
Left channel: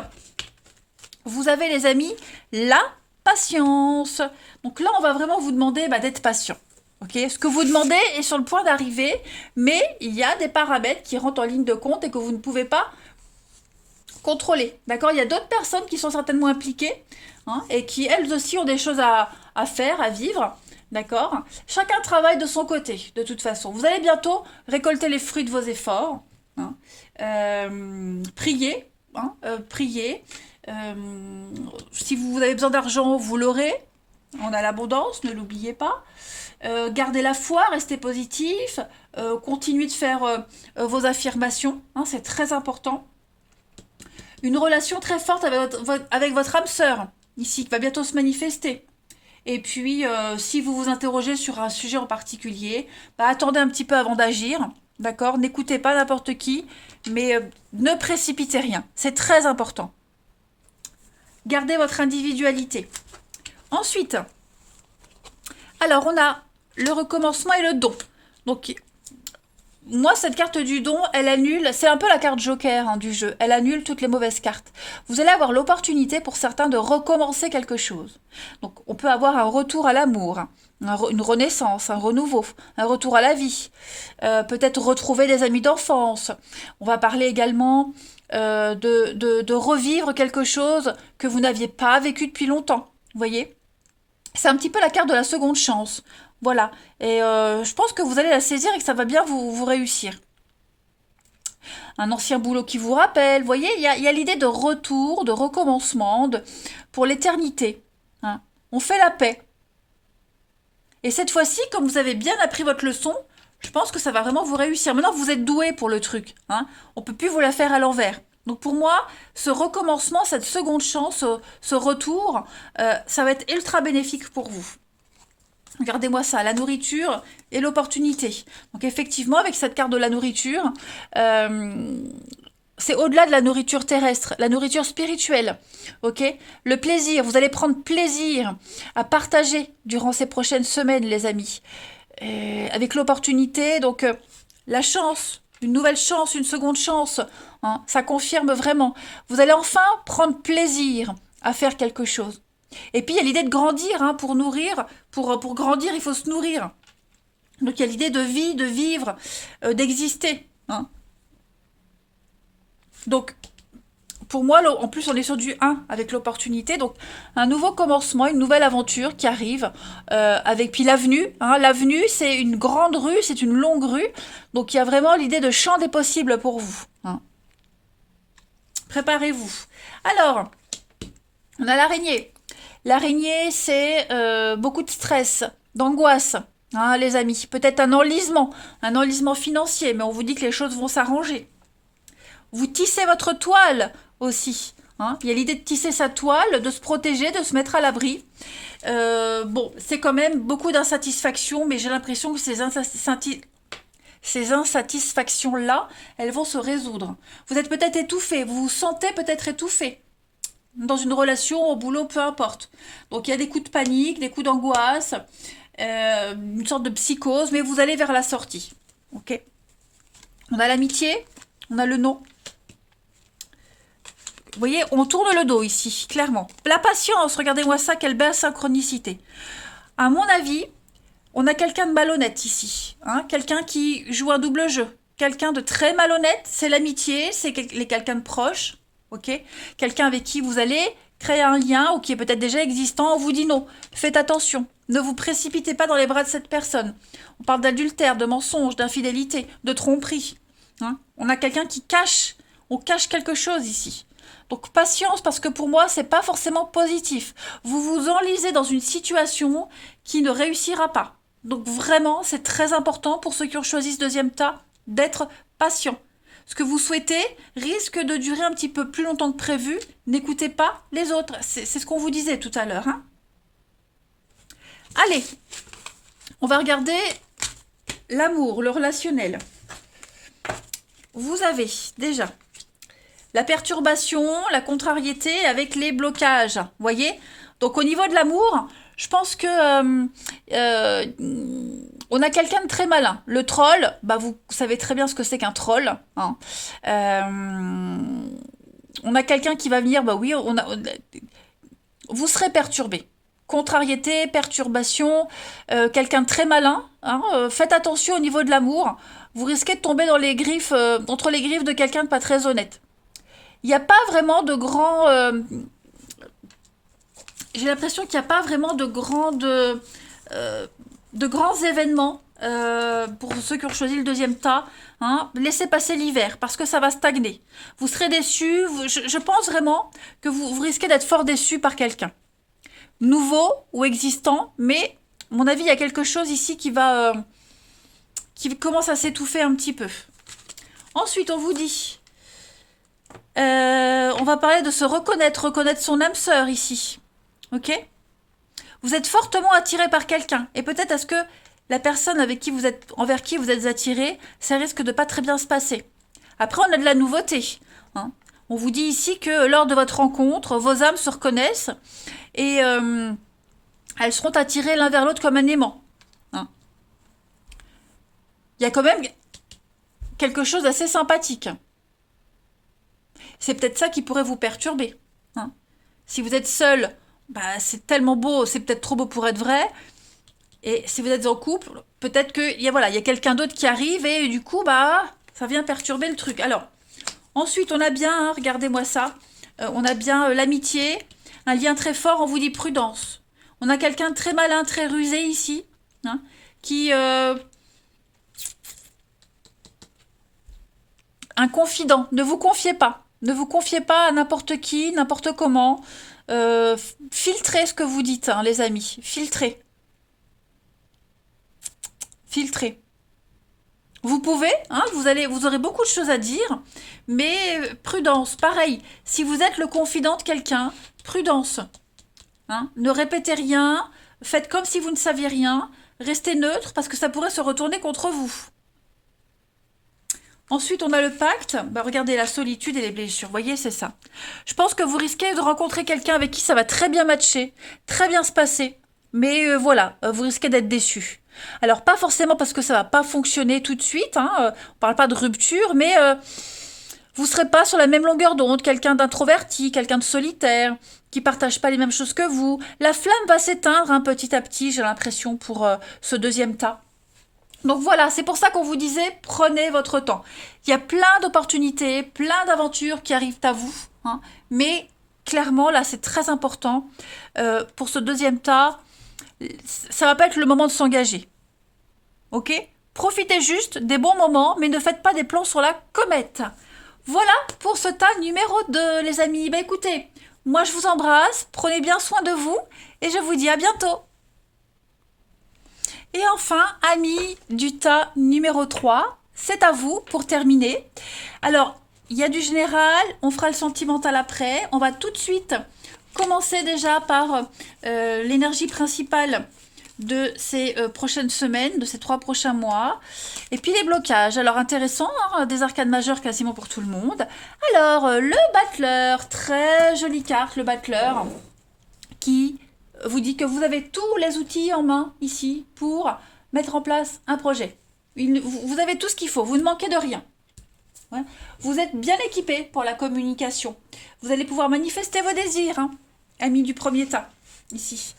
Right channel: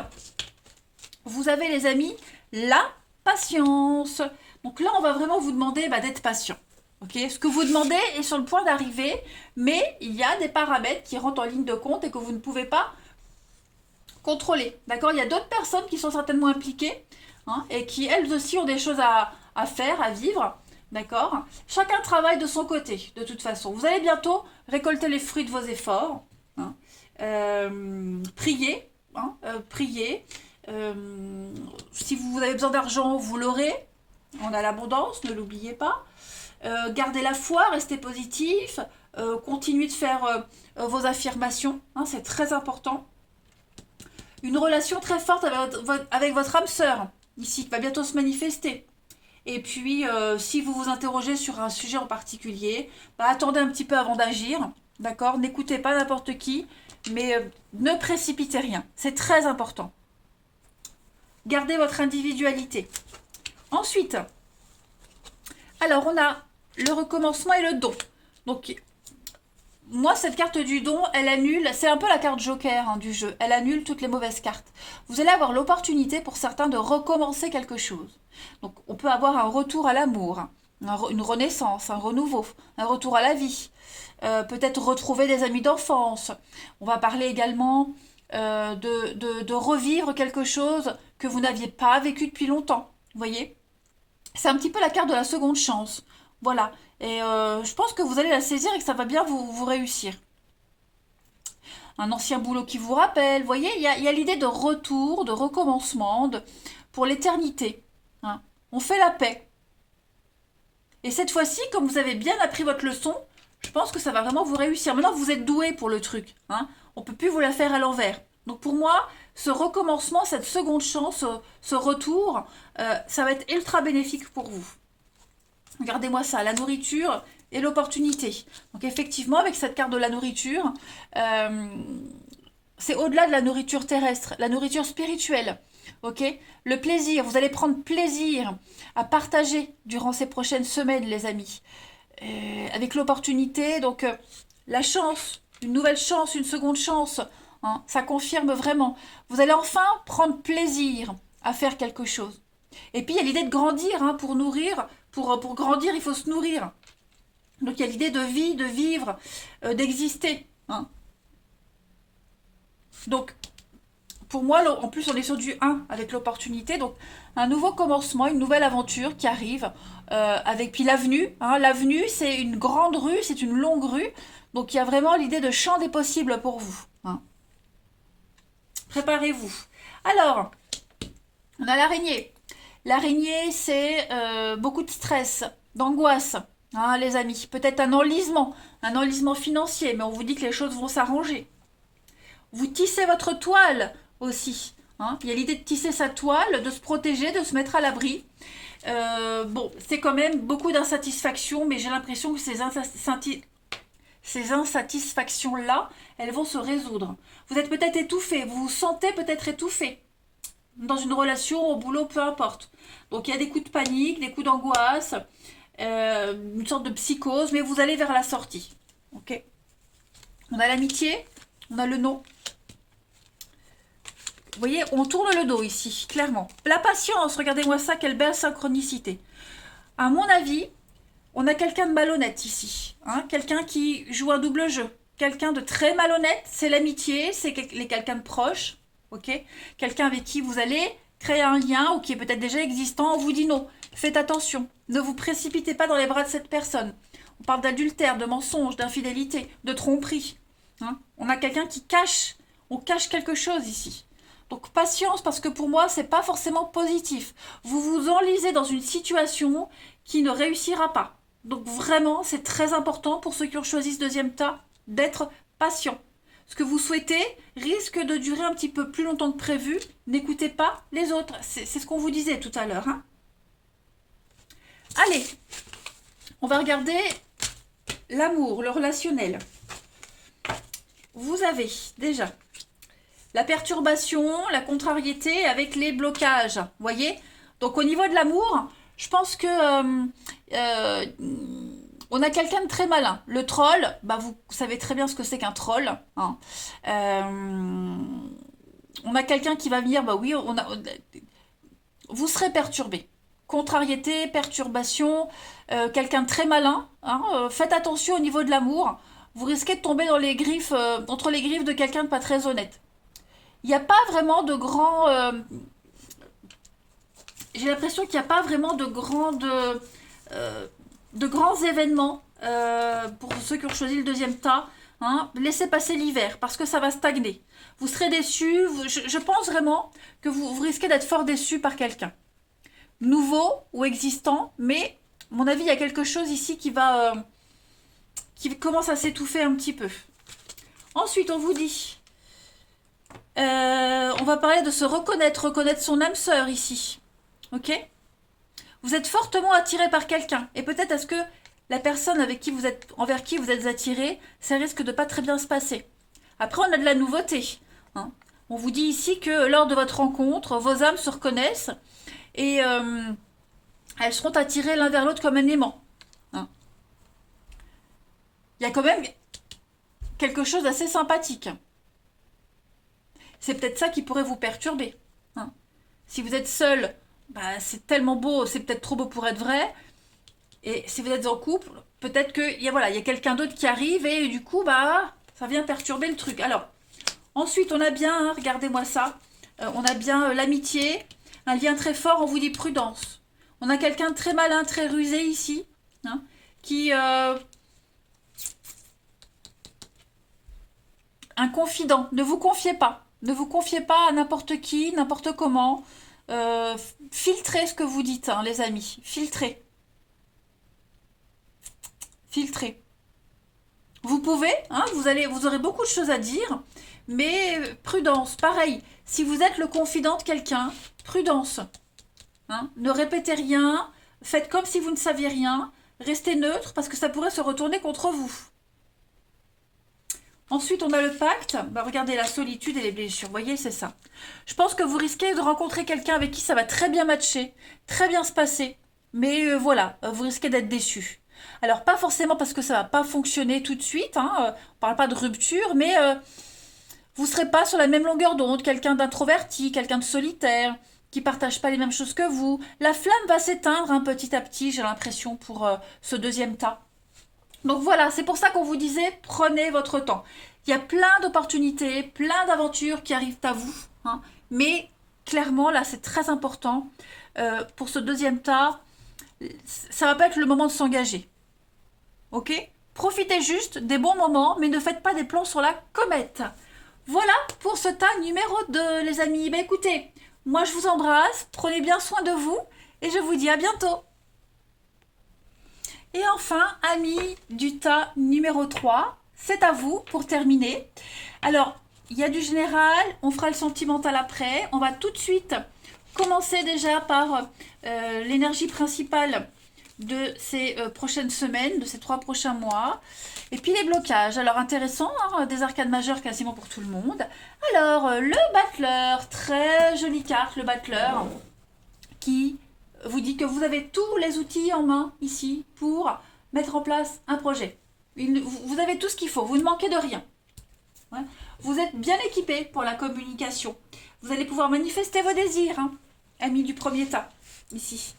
vous avez, les amis, la patience. Donc là, on va vraiment vous demander d'être patient. Okay, ce que vous demandez est sur le point d'arriver, mais il y a des paramètres qui rentrent en ligne de compte et que vous ne pouvez pas contrôler. D'accord ? Il y a d'autres personnes qui sont certainement impliquées hein, et qui, elles aussi, ont des choses à faire, à vivre. D'accord ? Chacun travaille de son côté, de toute façon. Vous allez bientôt récolter les fruits de vos efforts. Hein. Priez. Hein, priez. Si vous avez besoin d'argent, vous l'aurez. On a l'abondance, ne l'oubliez pas. Gardez la foi, restez positif. Continuez de faire vos affirmations. Hein, c'est très important. Une relation très forte avec votre âme sœur, ici, qui va bientôt se manifester. Et puis, si vous vous interrogez sur un sujet en particulier, attendez un petit peu avant d'agir, D'accord? N'écoutez pas n'importe qui, mais ne précipitez rien. C'est très important. Gardez votre individualité. Ensuite, alors on a le recommencement et le don. Donc, moi, cette carte du don, elle annule, c'est un peu la carte joker hein, du jeu, elle annule toutes les mauvaises cartes. Vous allez avoir l'opportunité pour certains de recommencer quelque chose. Donc, on peut avoir un retour à l'amour, une renaissance, un renouveau, un retour à la vie, peut-être retrouver des amis d'enfance. On va parler également de revivre quelque chose que vous n'aviez pas vécu depuis longtemps, vous voyez? C'est un petit peu la carte de la seconde chance. Voilà. Et je pense que vous allez la saisir et que ça va bien vous réussir. Un ancien boulot qui vous rappelle. Vous voyez, il y a l'idée de retour, de recommencement, pour l'éternité. Hein. On fait la paix. Et cette fois-ci, comme vous avez bien appris votre leçon, je pense que ça va vraiment vous réussir. Maintenant, vous êtes doué pour le truc. Hein. On ne peut plus vous la faire à l'envers. Donc pour moi, ce recommencement, cette seconde chance, ce retour, ça va être ultra bénéfique pour vous. Regardez-moi ça, la nourriture et l'opportunité. Donc effectivement, avec cette carte de la nourriture, c'est au-delà de la nourriture terrestre, la nourriture spirituelle. Ok? Le plaisir, vous allez prendre plaisir à partager durant ces prochaines semaines, les amis. Avec l'opportunité, donc la chance, une nouvelle chance, une seconde chance, hein, ça confirme vraiment. Vous allez enfin prendre plaisir à faire quelque chose. Et puis il y a l'idée de grandir, hein, pour nourrir, pour grandir, il faut se nourrir. Donc il y a l'idée de vie, de vivre, d'exister. Hein. Donc pour moi, en plus on est sur du 1 avec l'opportunité, donc un nouveau commencement, une nouvelle aventure qui arrive, avec puis l'avenue. Hein. L'avenue, c'est une grande rue, c'est une longue rue, donc il y a vraiment l'idée de champ des possibles pour vous. Hein. Préparez-vous. Alors, on a l'araignée. L'araignée, c'est beaucoup de stress, d'angoisse, hein, les amis. Peut-être un enlisement financier, mais on vous dit que les choses vont s'arranger. Vous tissez votre toile aussi. Hein. Il y a l'idée de tisser sa toile, de se protéger, de se mettre à l'abri. Bon, c'est quand même beaucoup d'insatisfaction, mais j'ai l'impression que ces insatisfactions-là, elles vont se résoudre. Vous êtes peut-être étouffé, vous vous sentez peut-être étouffé. Dans une relation, au boulot, peu importe. Donc il y a des coups de panique, des coups d'angoisse, une sorte de psychose, mais vous allez vers la sortie. Ok. On a l'amitié, on a le non. Vous voyez, on tourne le dos ici, clairement. La patience, regardez-moi ça, quelle belle synchronicité. À mon avis, on a quelqu'un de malhonnête ici. Hein, quelqu'un qui joue un double jeu. Quelqu'un de très malhonnête, c'est l'amitié, c'est quelqu'un de proche. Ok, quelqu'un avec qui vous allez créer un lien ou qui est peut-être déjà existant, on vous dit non. Faites attention. Ne vous précipitez pas dans les bras de cette personne. On parle d'adultère, de mensonge, d'infidélité, de tromperie. Hein, on a quelqu'un qui cache. On cache quelque chose ici. Donc patience, parce que pour moi, c'est pas forcément positif. Vous vous enlisez dans une situation qui ne réussira pas. Donc vraiment, c'est très important pour ceux qui ont choisi ce deuxième tas d'être patient. Ce que vous souhaitez risque de durer un petit peu plus longtemps que prévu. N'écoutez pas les autres. C'est ce qu'on vous disait tout à l'heure. Hein. Allez, on va regarder l'amour, le relationnel. Vous avez déjà la perturbation, la contrariété avec les blocages. Vous voyez? Donc au niveau de l'amour, je pense que on a quelqu'un de très malin. Le troll, bah vous savez très bien ce que c'est qu'un troll. Hein. On a quelqu'un qui va venir, bah oui, vous serez perturbé. Contrariété, perturbation, quelqu'un de très malin. Hein, faites attention au niveau de l'amour. Vous risquez de tomber dans les griffes, entre les griffes de quelqu'un de pas très honnête. Il n'y a pas vraiment de grands... j'ai l'impression qu'il n'y a pas vraiment de grands événements pour ceux qui ont choisi le deuxième tas. Hein. Laissez passer l'hiver parce que ça va stagner. Vous serez déçus. Je pense vraiment que vous risquez d'être fort déçus par quelqu'un. Nouveau ou existant, mais à mon avis, il y a quelque chose ici qui commence à s'étouffer un petit peu. Ensuite, on vous dit... on va parler de se reconnaître son âme sœur ici. Ok? Vous êtes fortement attiré par quelqu'un. Et peut-être est-ce que la personne envers qui vous êtes attiré, ça risque de pas très bien se passer. Après, on a de la nouveauté, hein. On vous dit ici que lors de votre rencontre, vos âmes se reconnaissent et elles seront attirées l'un vers l'autre comme un aimant, hein. Il y a quand même quelque chose d'assez sympathique. C'est peut-être ça qui pourrait vous perturber, hein. Si vous êtes seul, bah, c'est tellement beau, c'est peut-être trop beau pour être vrai. Et si vous êtes en couple, peut-être qu'il y a, voilà, il y a quelqu'un d'autre qui arrive et du coup, bah, ça vient perturber le truc. Alors, ensuite, on a bien, hein, regardez-moi ça, on a bien l'amitié, un lien très fort, on vous dit prudence. On a quelqu'un de très malin, très rusé ici, hein, qui... un confident, ne vous confiez pas. Ne vous confiez pas à n'importe qui, n'importe comment. Filtrez ce que vous dites, hein, les amis. Filtrez. Filtrez. Vous pouvez, hein, vous aurez beaucoup de choses à dire, mais prudence, pareil. Si vous êtes le confident de quelqu'un, prudence, hein, ne répétez rien, faites comme si vous ne saviez rien, restez neutre parce que ça pourrait se retourner contre vous. Ensuite, on a le pacte. Bah, regardez, la solitude et les blessures. Vous voyez, c'est ça. Je pense que vous risquez de rencontrer quelqu'un avec qui ça va très bien matcher, très bien se passer. Mais voilà, vous risquez d'être déçu. Alors, pas forcément parce que ça va pas fonctionner tout de suite, hein, on parle pas de rupture, mais vous serez pas sur la même longueur d'onde. Quelqu'un d'introverti, quelqu'un de solitaire, qui partage pas les mêmes choses que vous. La flamme va s'éteindre, hein, petit à petit, j'ai l'impression, pour ce deuxième tas. Donc voilà, c'est pour ça qu'on vous disait, prenez votre temps. Il y a plein d'opportunités, plein d'aventures qui arrivent à vous, hein, mais clairement, là, c'est très important. Pour ce deuxième tas, ça va pas être le moment de s'engager. Ok? Profitez juste des bons moments, mais ne faites pas des plans sur la comète. Voilà pour ce tas numéro 2, les amis. Bah écoutez, moi je vous embrasse, prenez bien soin de vous, et je vous dis à bientôt. Et enfin, amis du tas numéro 3, c'est à vous pour terminer. Alors, il y a du général, on fera le sentimental après. On va tout de suite commencer déjà par l'énergie principale de ces prochaines semaines, de ces 3 prochains mois. Et puis les blocages. Alors, intéressant, hein, des arcades majeures quasiment pour tout le monde. Alors, le battleur, très jolie carte, le battleur, qui vous dit que vous avez tous les outils en main ici pour mettre en place un projet. Vous avez tout ce qu'il faut, vous ne manquez de rien. Ouais. Vous êtes bien équipé pour la communication. Vous allez pouvoir manifester vos désirs, hein, amis du premier tas, ici.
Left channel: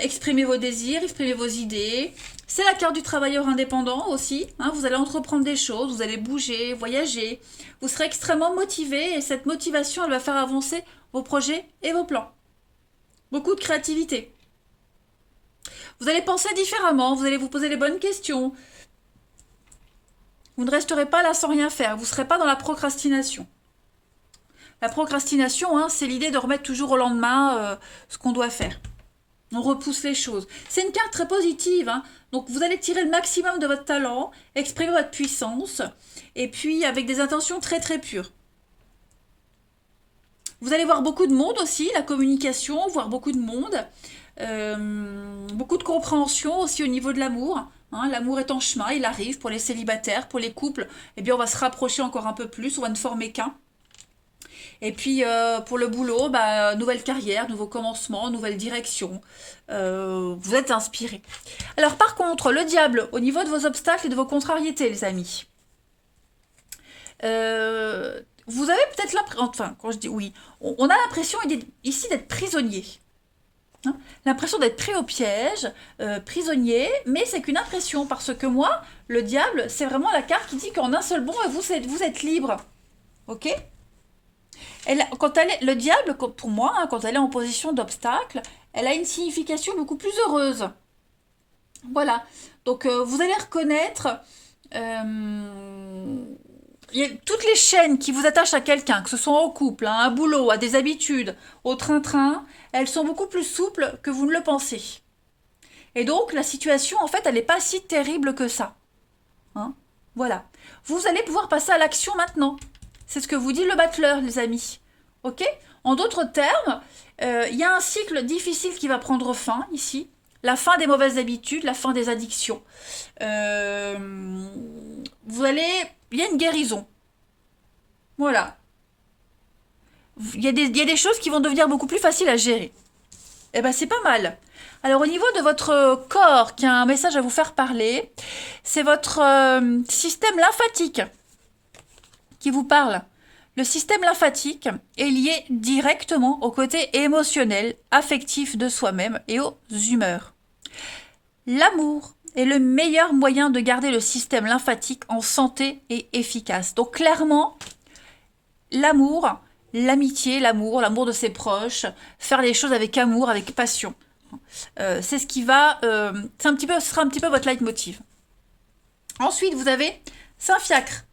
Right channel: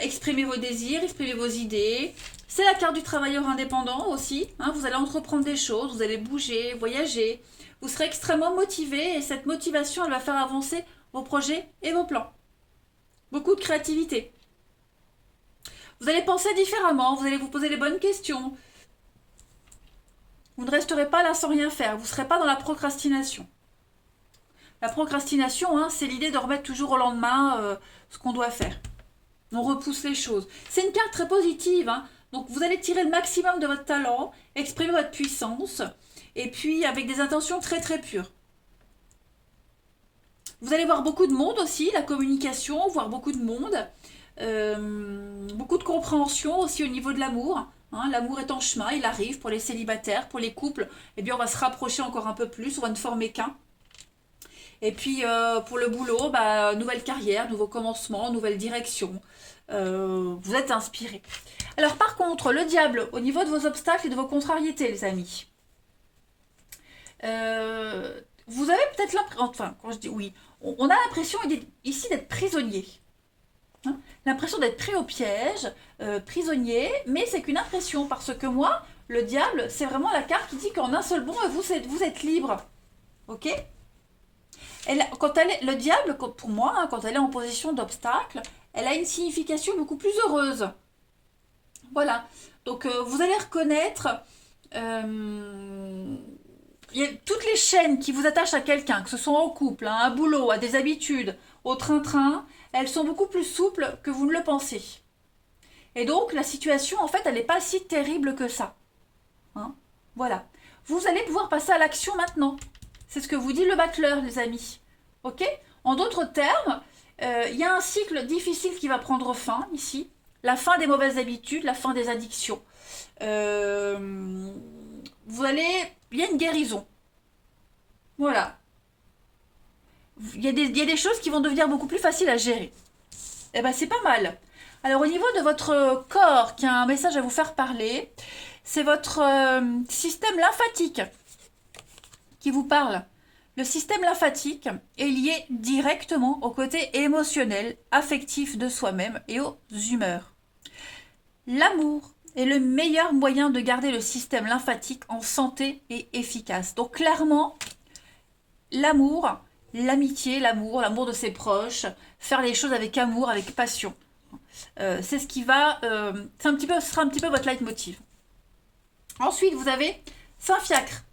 Exprimez vos désirs, exprimez vos idées. C'est la carte du travailleur indépendant aussi, hein. Vous allez entreprendre des choses, vous allez bouger, voyager. Vous serez extrêmement motivé et cette motivation, elle va faire avancer vos projets et vos plans. Beaucoup de créativité. Vous allez penser différemment, vous allez vous poser les bonnes questions. Vous ne resterez pas là sans rien faire, vous ne serez pas dans la procrastination. La procrastination, hein, c'est l'idée de remettre toujours au lendemain ce qu'on doit faire. On repousse les choses. C'est une carte très positive, hein. Donc vous allez tirer le maximum de votre talent, exprimer votre puissance, et puis avec des intentions très très pures. Vous allez voir beaucoup de monde aussi, la communication, voir beaucoup de monde, beaucoup de compréhension aussi au niveau de l'amour. Hein, l'amour est en chemin, il arrive pour les célibataires, pour les couples, eh bien on va se rapprocher encore un peu plus, on va ne former qu'un. Et puis pour le boulot, bah, nouvelle carrière, nouveau commencement, nouvelle direction. Vous êtes inspirés. Alors par contre, le diable, au niveau de vos obstacles et de vos contrariétés, les amis. Vous avez peut-être l'impression, enfin, quand je dis oui, on a l'impression ici d'être prisonnier. Hein, l'impression d'être pris au piège, prisonnier, mais c'est qu'une impression, parce que moi, le diable, c'est vraiment la carte qui dit qu'en un seul bond, vous êtes libre. Ok? Le diable, pour moi, hein, quand elle est en position d'obstacle, elle a une signification beaucoup plus heureuse. Voilà. Donc, vous allez reconnaître... il y a toutes les chaînes qui vous attachent à quelqu'un, que ce soit au couple, hein, à un boulot, à des habitudes, au train-train, elles sont beaucoup plus souples que vous ne le pensez. Et donc, la situation, en fait, elle n'est pas si terrible que ça. Hein, voilà. Vous allez pouvoir passer à l'action maintenant. C'est ce que vous dit le battleur, les amis. Ok? En d'autres termes, il y a un cycle difficile qui va prendre fin, ici. la fin des mauvaises habitudes, la fin des addictions. Il y a une guérison. Voilà. Il y a des choses qui vont devenir beaucoup plus faciles à gérer. Eh ben, c'est pas mal. Alors, au niveau de votre corps, qui a un message à vous faire parler, c'est votre système lymphatique qui vous parle. Le système lymphatique est lié directement au côté émotionnel, affectif de soi-même et aux humeurs. L'amour est le meilleur moyen de garder le système lymphatique en santé et efficace. Donc clairement, l'amour, l'amitié, l'amour de ses proches, faire les choses avec amour, avec passion. C'est ce qui va, ce sera un petit peu votre leitmotiv. Ensuite, vous avez Saint-Fiacre.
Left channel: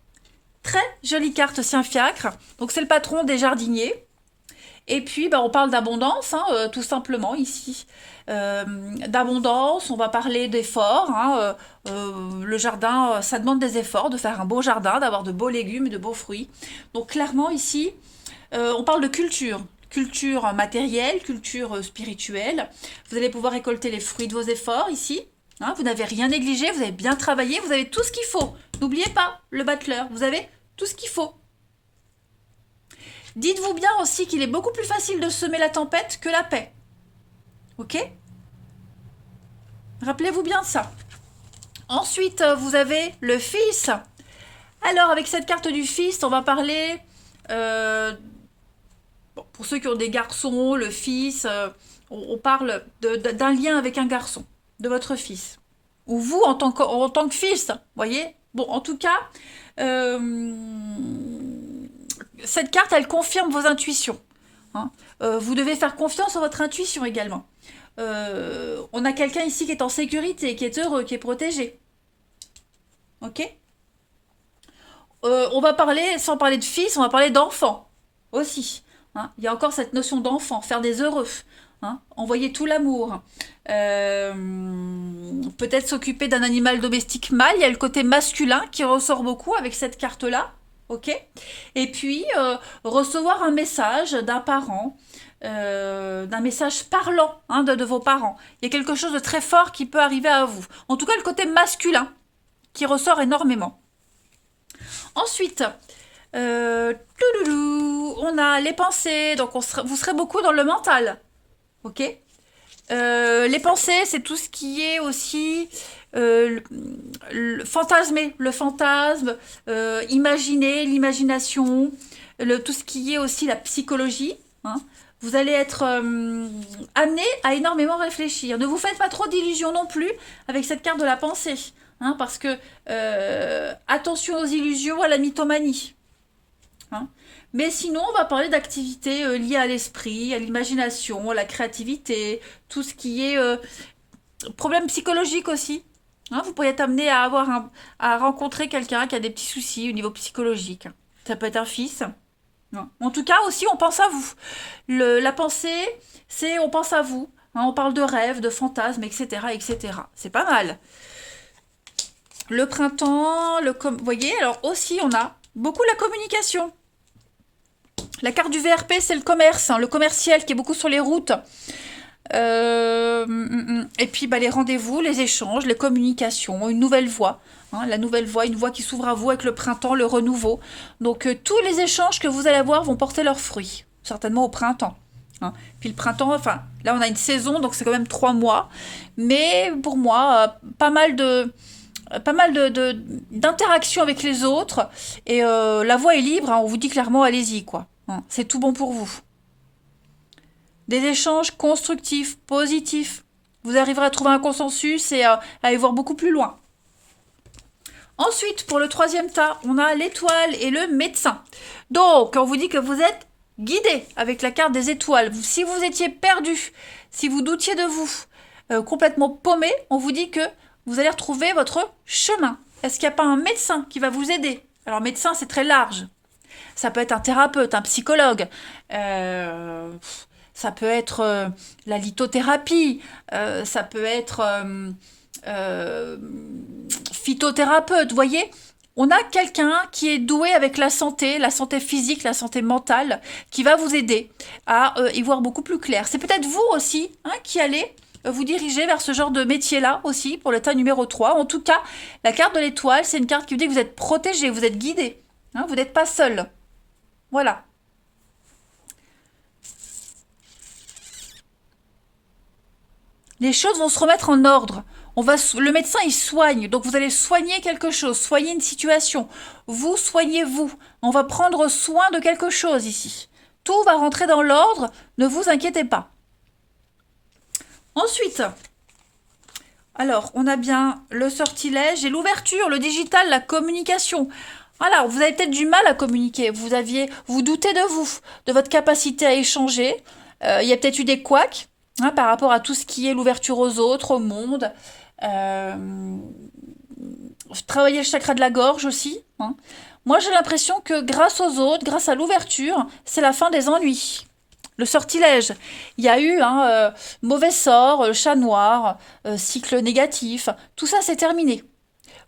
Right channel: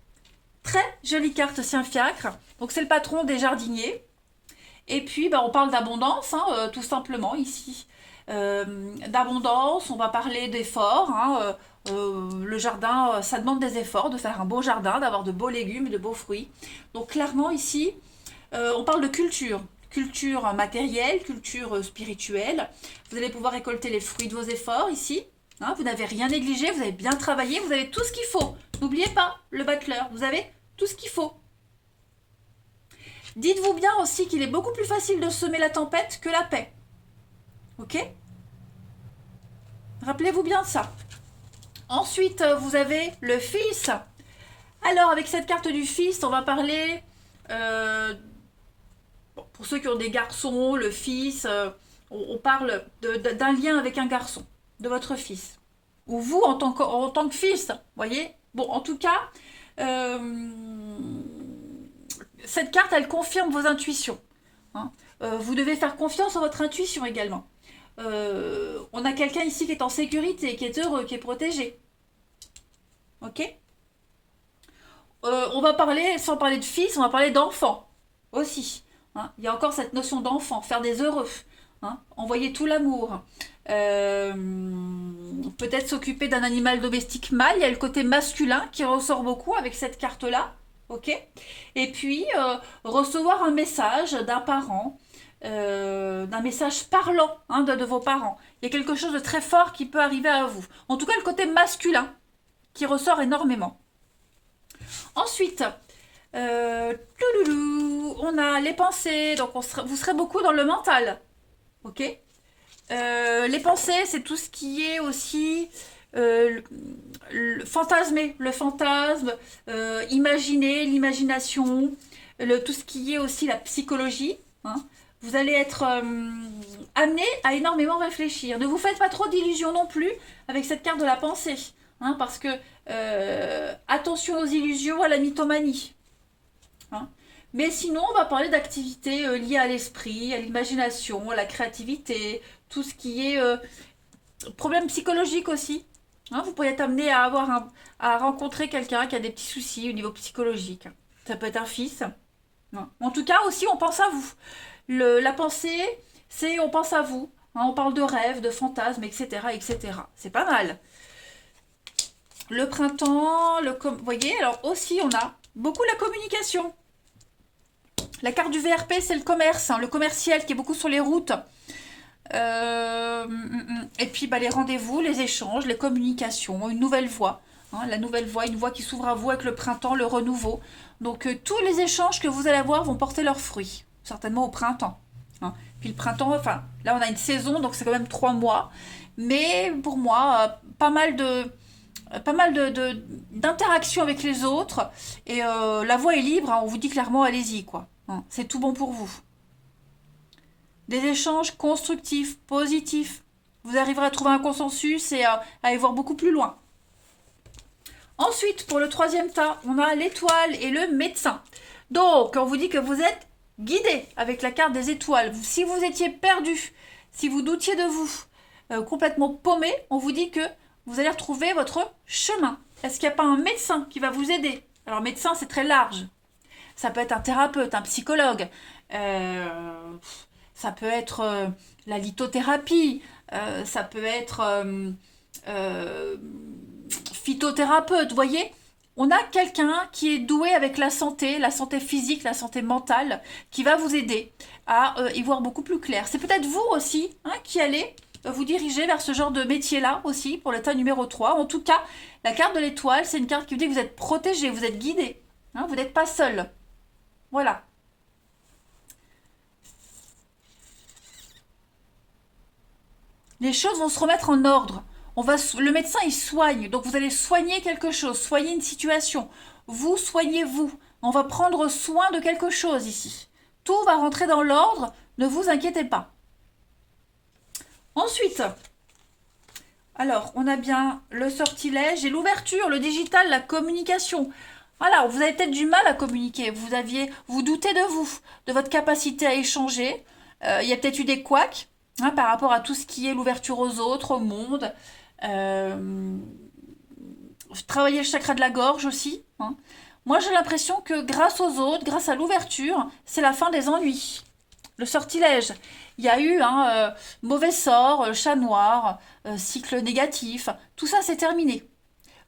Très jolie carte Saint-Fiacre. Donc c'est le patron des jardiniers. Et puis on parle d'abondance, tout simplement ici. D'abondance, on va parler d'efforts. Le jardin, ça demande des efforts de faire un beau jardin, d'avoir de beaux légumes, de beaux fruits. Donc clairement ici, on parle de culture. Culture matérielle, culture spirituelle. Vous allez pouvoir récolter les fruits de vos efforts ici. Vous n'avez rien négligé, vous avez bien travaillé, vous avez tout ce qu'il faut. N'oubliez pas le battleur, vous avez tout ce qu'il faut. Dites-vous bien aussi qu'il est beaucoup plus facile de semer la tempête que la paix. Ok? Rappelez-vous bien de ça. Ensuite, vous avez le fils. Alors, avec cette carte du fils, on va parler... pour ceux qui ont des garçons, le fils, on parle d'un lien avec un garçon, de votre fils. Ou vous, en tant que fils, voyez? Bon, en tout cas, cette carte, elle confirme vos intuitions. Vous devez faire confiance à votre intuition également. On a quelqu'un ici qui est en sécurité, qui est heureux, qui est protégé. Ok? On va parler, sans parler de fils, on va parler d'enfant aussi. Il y a encore cette notion d'enfant, faire des heureux. Envoyer tout l'amour. Peut-être s'occuper d'un animal domestique mâle. Il y a le côté masculin qui ressort beaucoup avec cette carte-là. Ok? Et puis, recevoir un message d'un parent, d'un message parlant de vos parents. Il y a quelque chose de très fort qui peut arriver à vous. En tout cas, le côté masculin qui ressort énormément. Ensuite, on a les pensées. Donc, vous serez beaucoup dans le mental. Ok? Les pensées, c'est tout ce qui est aussi fantasmer, le fantasme, imaginer, l'imagination, tout ce qui est aussi la psychologie. Vous allez être amené à énormément réfléchir. Ne vous faites pas trop d'illusions non plus avec cette carte de la pensée. Parce que attention aux illusions, à la mythomanie. Mais sinon, on va parler d'activités liées à l'esprit, à l'imagination, à la créativité, tout ce qui est problème psychologique aussi. Vous pourriez être amené à rencontrer quelqu'un qui a des petits soucis au niveau psychologique. Ça peut être un fils. En tout cas, aussi, on pense à vous. La pensée, c'est on pense à vous. On parle de rêves, de fantasmes, etc., etc. C'est pas mal. Le printemps, vous voyez, alors aussi, on a beaucoup la communication. La carte du VRP, c'est le commerce, le commercial qui est beaucoup sur les routes. Et puis les rendez-vous, les échanges, les communications, une nouvelle voie. La nouvelle voie, une voie qui s'ouvre à vous avec le printemps, le renouveau. Donc tous les échanges que vous allez avoir vont porter leurs fruits, certainement au printemps. Puis le printemps, enfin là on a une saison, donc c'est quand même 3 mois. Mais pour moi, pas mal d'interactions avec les autres. Et la voie est libre, on vous dit clairement allez-y, quoi. C'est tout bon pour vous. Des échanges constructifs, positifs. Vous arriverez à trouver un consensus et à aller voir beaucoup plus loin. Ensuite, pour le 3e tas, on a l'étoile et le médecin. Donc, on vous dit que vous êtes guidé avec la carte des étoiles. Si vous étiez perdu, si vous doutiez de vous, complètement paumé, on vous dit que vous allez retrouver votre chemin. Est-ce qu'il n'y a pas un médecin qui va vous aider? Alors, médecin, c'est très large. Ça peut être un thérapeute, un psychologue. Ça peut être la lithothérapie. Ça peut être phytothérapeute. Vous voyez, on a quelqu'un qui est doué avec la santé physique, la santé mentale, qui va vous aider à y voir beaucoup plus clair. C'est peut-être vous aussi qui allez vous diriger vers ce genre de métier-là aussi, pour l'état numéro 3. En tout cas, la carte de l'étoile, c'est une carte qui vous dit que vous êtes protégé, vous êtes guidé. Hein, vous n'êtes pas seul. Voilà. Les choses vont se remettre en ordre. Le médecin, il soigne. Donc, vous allez soigner quelque chose, soigner une situation. Vous soignez vous. On va prendre soin de quelque chose ici. Tout va rentrer dans l'ordre. Ne vous inquiétez pas. Ensuite, alors, on a bien le sortilège et l'ouverture, le digital, la communication. Voilà, vous avez peut-être du mal à communiquer. Vous doutez de vous, de votre capacité à échanger. Il y a peut-être eu des couacs par rapport à tout ce qui est l'ouverture aux autres, au monde. Travailler le chakra de la gorge aussi. Hein. Moi, j'ai l'impression que grâce aux autres, grâce à l'ouverture, c'est la fin des ennuis. Le sortilège, il y a eu un mauvais sort, chat noir, cycle négatif, tout ça c'est terminé.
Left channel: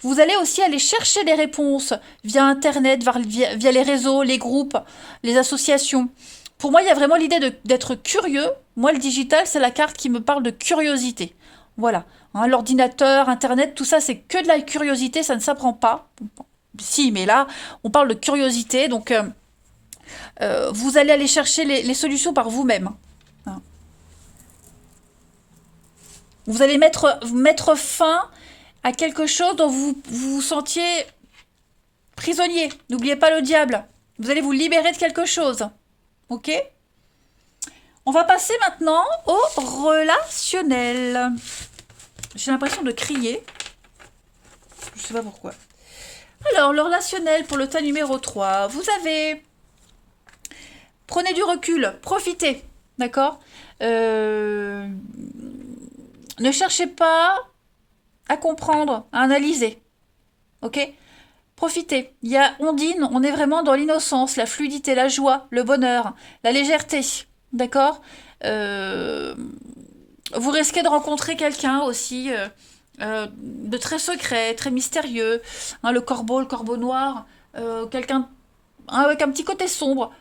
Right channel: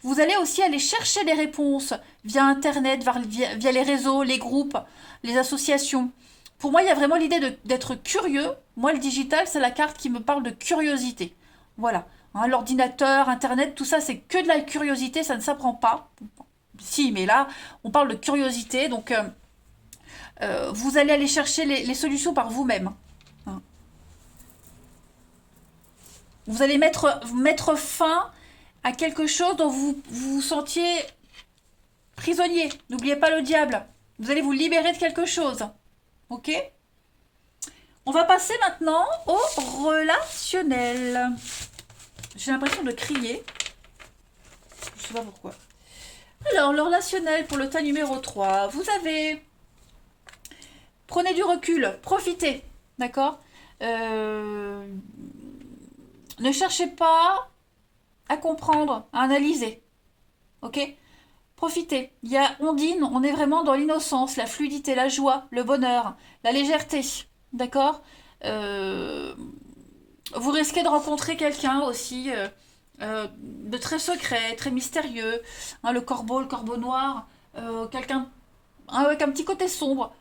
Vous allez aussi aller chercher des réponses via Internet, via les réseaux, les groupes, les associations. Pour moi, il y a vraiment l'idée d'être curieux. Moi, le digital, c'est la carte qui me parle de curiosité. Voilà. Hein, l'ordinateur, Internet, tout ça, c'est que de la curiosité, ça ne s'apprend pas. Si, mais là, on parle de curiosité, donc vous allez aller chercher les solutions par vous-même. Hein. Vous allez mettre fin à quelque chose dont vous vous sentiez prisonnier. N'oubliez pas le diable. Vous allez vous libérer de quelque chose. Ok? On va passer maintenant au relationnel. J'ai l'impression de crier. Je sais pas pourquoi. Alors, le relationnel pour le tas numéro 3. Vous avez... Prenez du recul, profitez. D'accord? Ne cherchez pas à comprendre, à analyser. Ok? Profitez. Il y a Ondine, on est vraiment dans l'innocence, la fluidité, la joie, le bonheur, la légèreté. D'accord? Vous risquez de rencontrer quelqu'un aussi de très secret, très mystérieux. Hein, le corbeau noir, quelqu'un avec un petit côté sombre.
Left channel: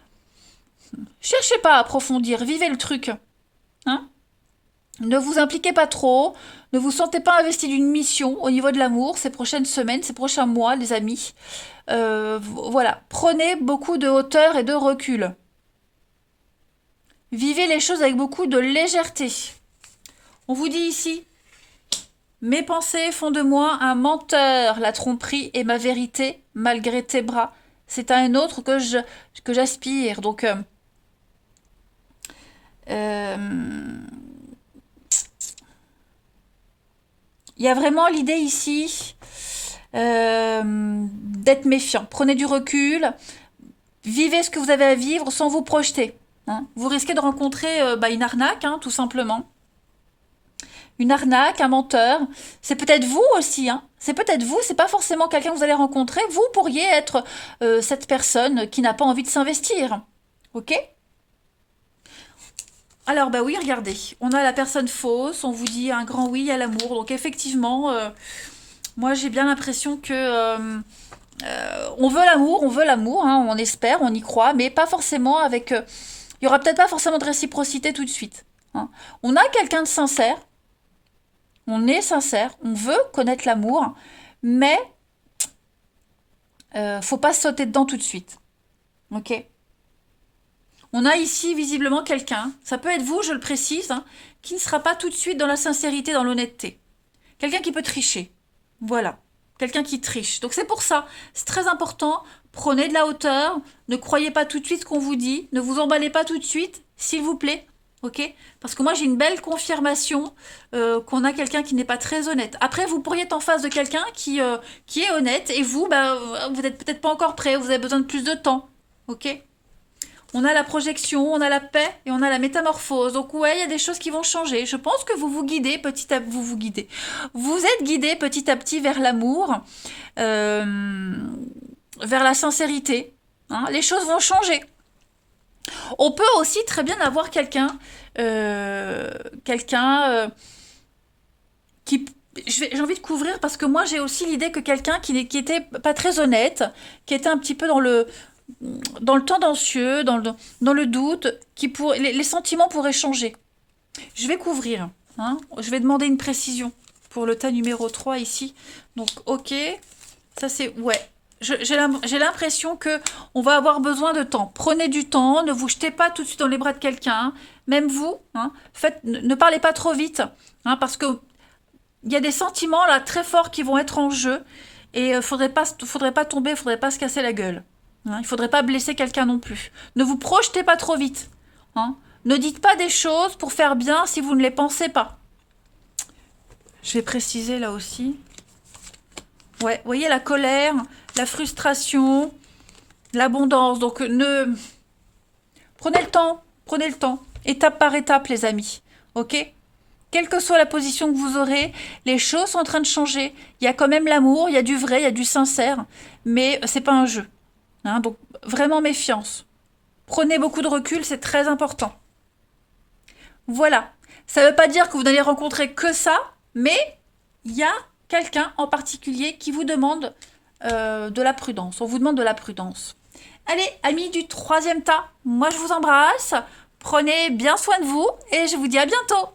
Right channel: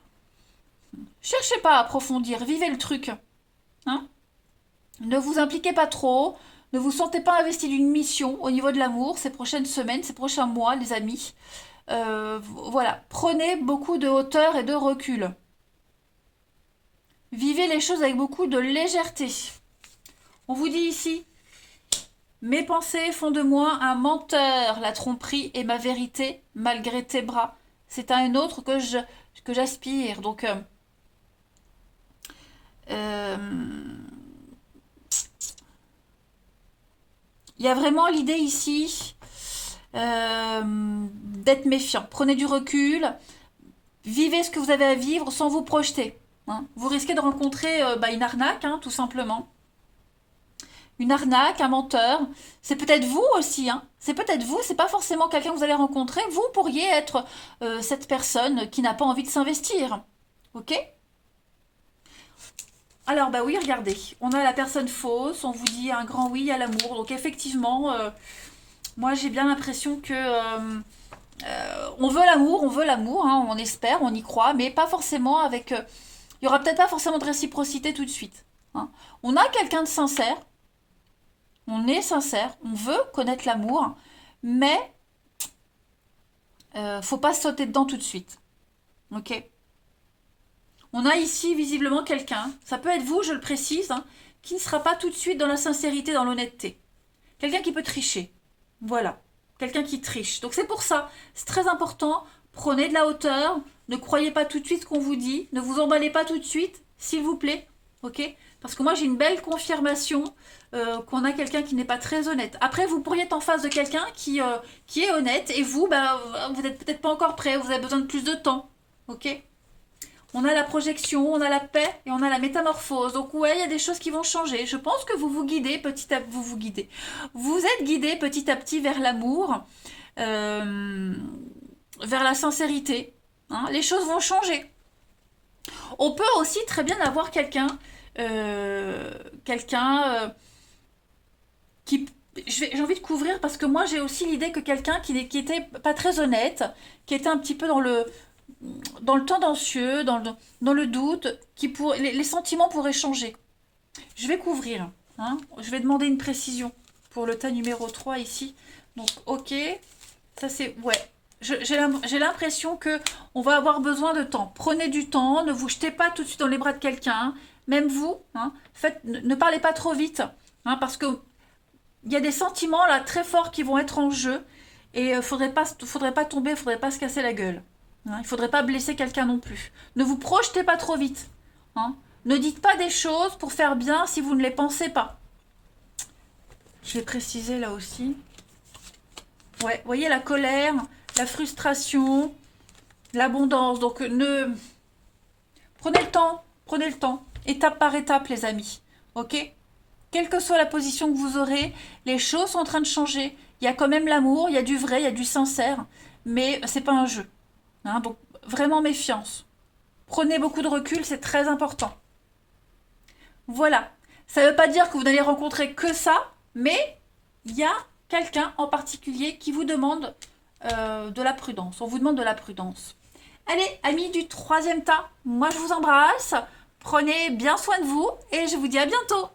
Cherchez pas à approfondir, vivez le truc. Hein? Ne vous impliquez pas trop, ne vous sentez pas investi d'une mission au niveau de l'amour ces prochaines semaines, ces prochains mois, les amis. Voilà, prenez beaucoup de hauteur et de recul. Vivez les choses avec beaucoup de légèreté. On vous dit ici, mes pensées font de moi un menteur, la tromperie est ma vérité, malgré tes bras. C'est à un autre que j'aspire. Donc, il y a vraiment l'idée ici d'être méfiant. Prenez du recul, vivez ce que vous avez à vivre sans vous projeter. Hein. Vous risquez de rencontrer une arnaque, hein, tout simplement. Une arnaque, un menteur. C'est peut-être vous aussi. Hein. C'est peut-être vous, c'est pas forcément quelqu'un que vous allez rencontrer. Vous pourriez être cette personne qui n'a pas envie de s'investir. Ok? Alors, bah oui, regardez. On a la personne fausse, on vous dit un grand oui à l'amour. Donc, effectivement, moi, j'ai bien l'impression que on veut l'amour, hein, on espère, on y croit, mais pas forcément avec... il y aura peut-être pas forcément de réciprocité tout de suite. Hein. On a quelqu'un de sincère, on est sincère, on veut connaître l'amour, mais faut pas sauter dedans tout de suite. Ok? On a ici visiblement quelqu'un, ça peut être vous, je le précise, hein, qui ne sera pas tout de suite dans la sincérité, dans l'honnêteté. Quelqu'un qui peut tricher. Voilà. Quelqu'un qui triche. Donc c'est pour ça, c'est très important. Prenez de la hauteur, ne croyez pas tout de suite ce qu'on vous dit, ne vous emballez pas tout de suite, s'il vous plaît. Ok? Parce que moi j'ai une belle confirmation qu'on a quelqu'un qui n'est pas très honnête. Après vous pourriez être en face de quelqu'un qui est honnête et vous, vous n'êtes peut-être pas encore prêt, vous avez besoin de plus de temps. Ok? On a la projection, on a la paix et on a la métamorphose. Donc ouais, il y a des choses qui vont changer. Je pense que vous vous guidez petit à petit. Vous guidez. Vous êtes guidé petit à petit vers l'amour, vers la sincérité. Hein. Les choses vont changer. On peut aussi très bien avoir quelqu'un qui... J'ai envie de couvrir parce que moi j'ai aussi l'idée que quelqu'un qui était pas très honnête, qui était un petit peu dans le tendancieux, dans le doute, les sentiments pourraient changer. Je vais couvrir. hein. Je vais demander une précision pour le tas numéro 3 ici. Donc, ok. Ça, c'est... Ouais. J'ai l'impression que on va avoir besoin de temps. Prenez du temps. Ne vous jetez pas tout de suite dans les bras de quelqu'un. Hein. Même vous. Hein. Ne parlez pas trop vite. Hein, parce que il y a des sentiments là très forts qui vont être en jeu. Et faudrait pas tomber. Faudrait pas se casser la gueule. Hein. Il faudrait pas blesser quelqu'un non plus. Ne vous projetez pas trop vite. Hein. Ne dites pas des choses pour faire bien si vous ne les pensez pas. Je vais préciser là aussi. Ouais, vous voyez la colère, la frustration, l'abondance. Donc prenez le temps, étape par étape les amis. Ok? Quelle que soit la position que vous aurez, les choses sont en train de changer. Il y a quand même l'amour, il y a du vrai, il y a du sincère, mais c'est pas un jeu. Hein, donc vraiment méfiance. Prenez beaucoup de recul, c'est très important. Voilà. Ça ne veut pas dire que vous n'allez rencontrer que ça, mais il y a quelqu'un en particulier qui vous demande de la prudence. On vous demande de la prudence. Allez, amis du troisième tas, moi je vous embrasse. Prenez bien soin de vous et je vous dis à bientôt.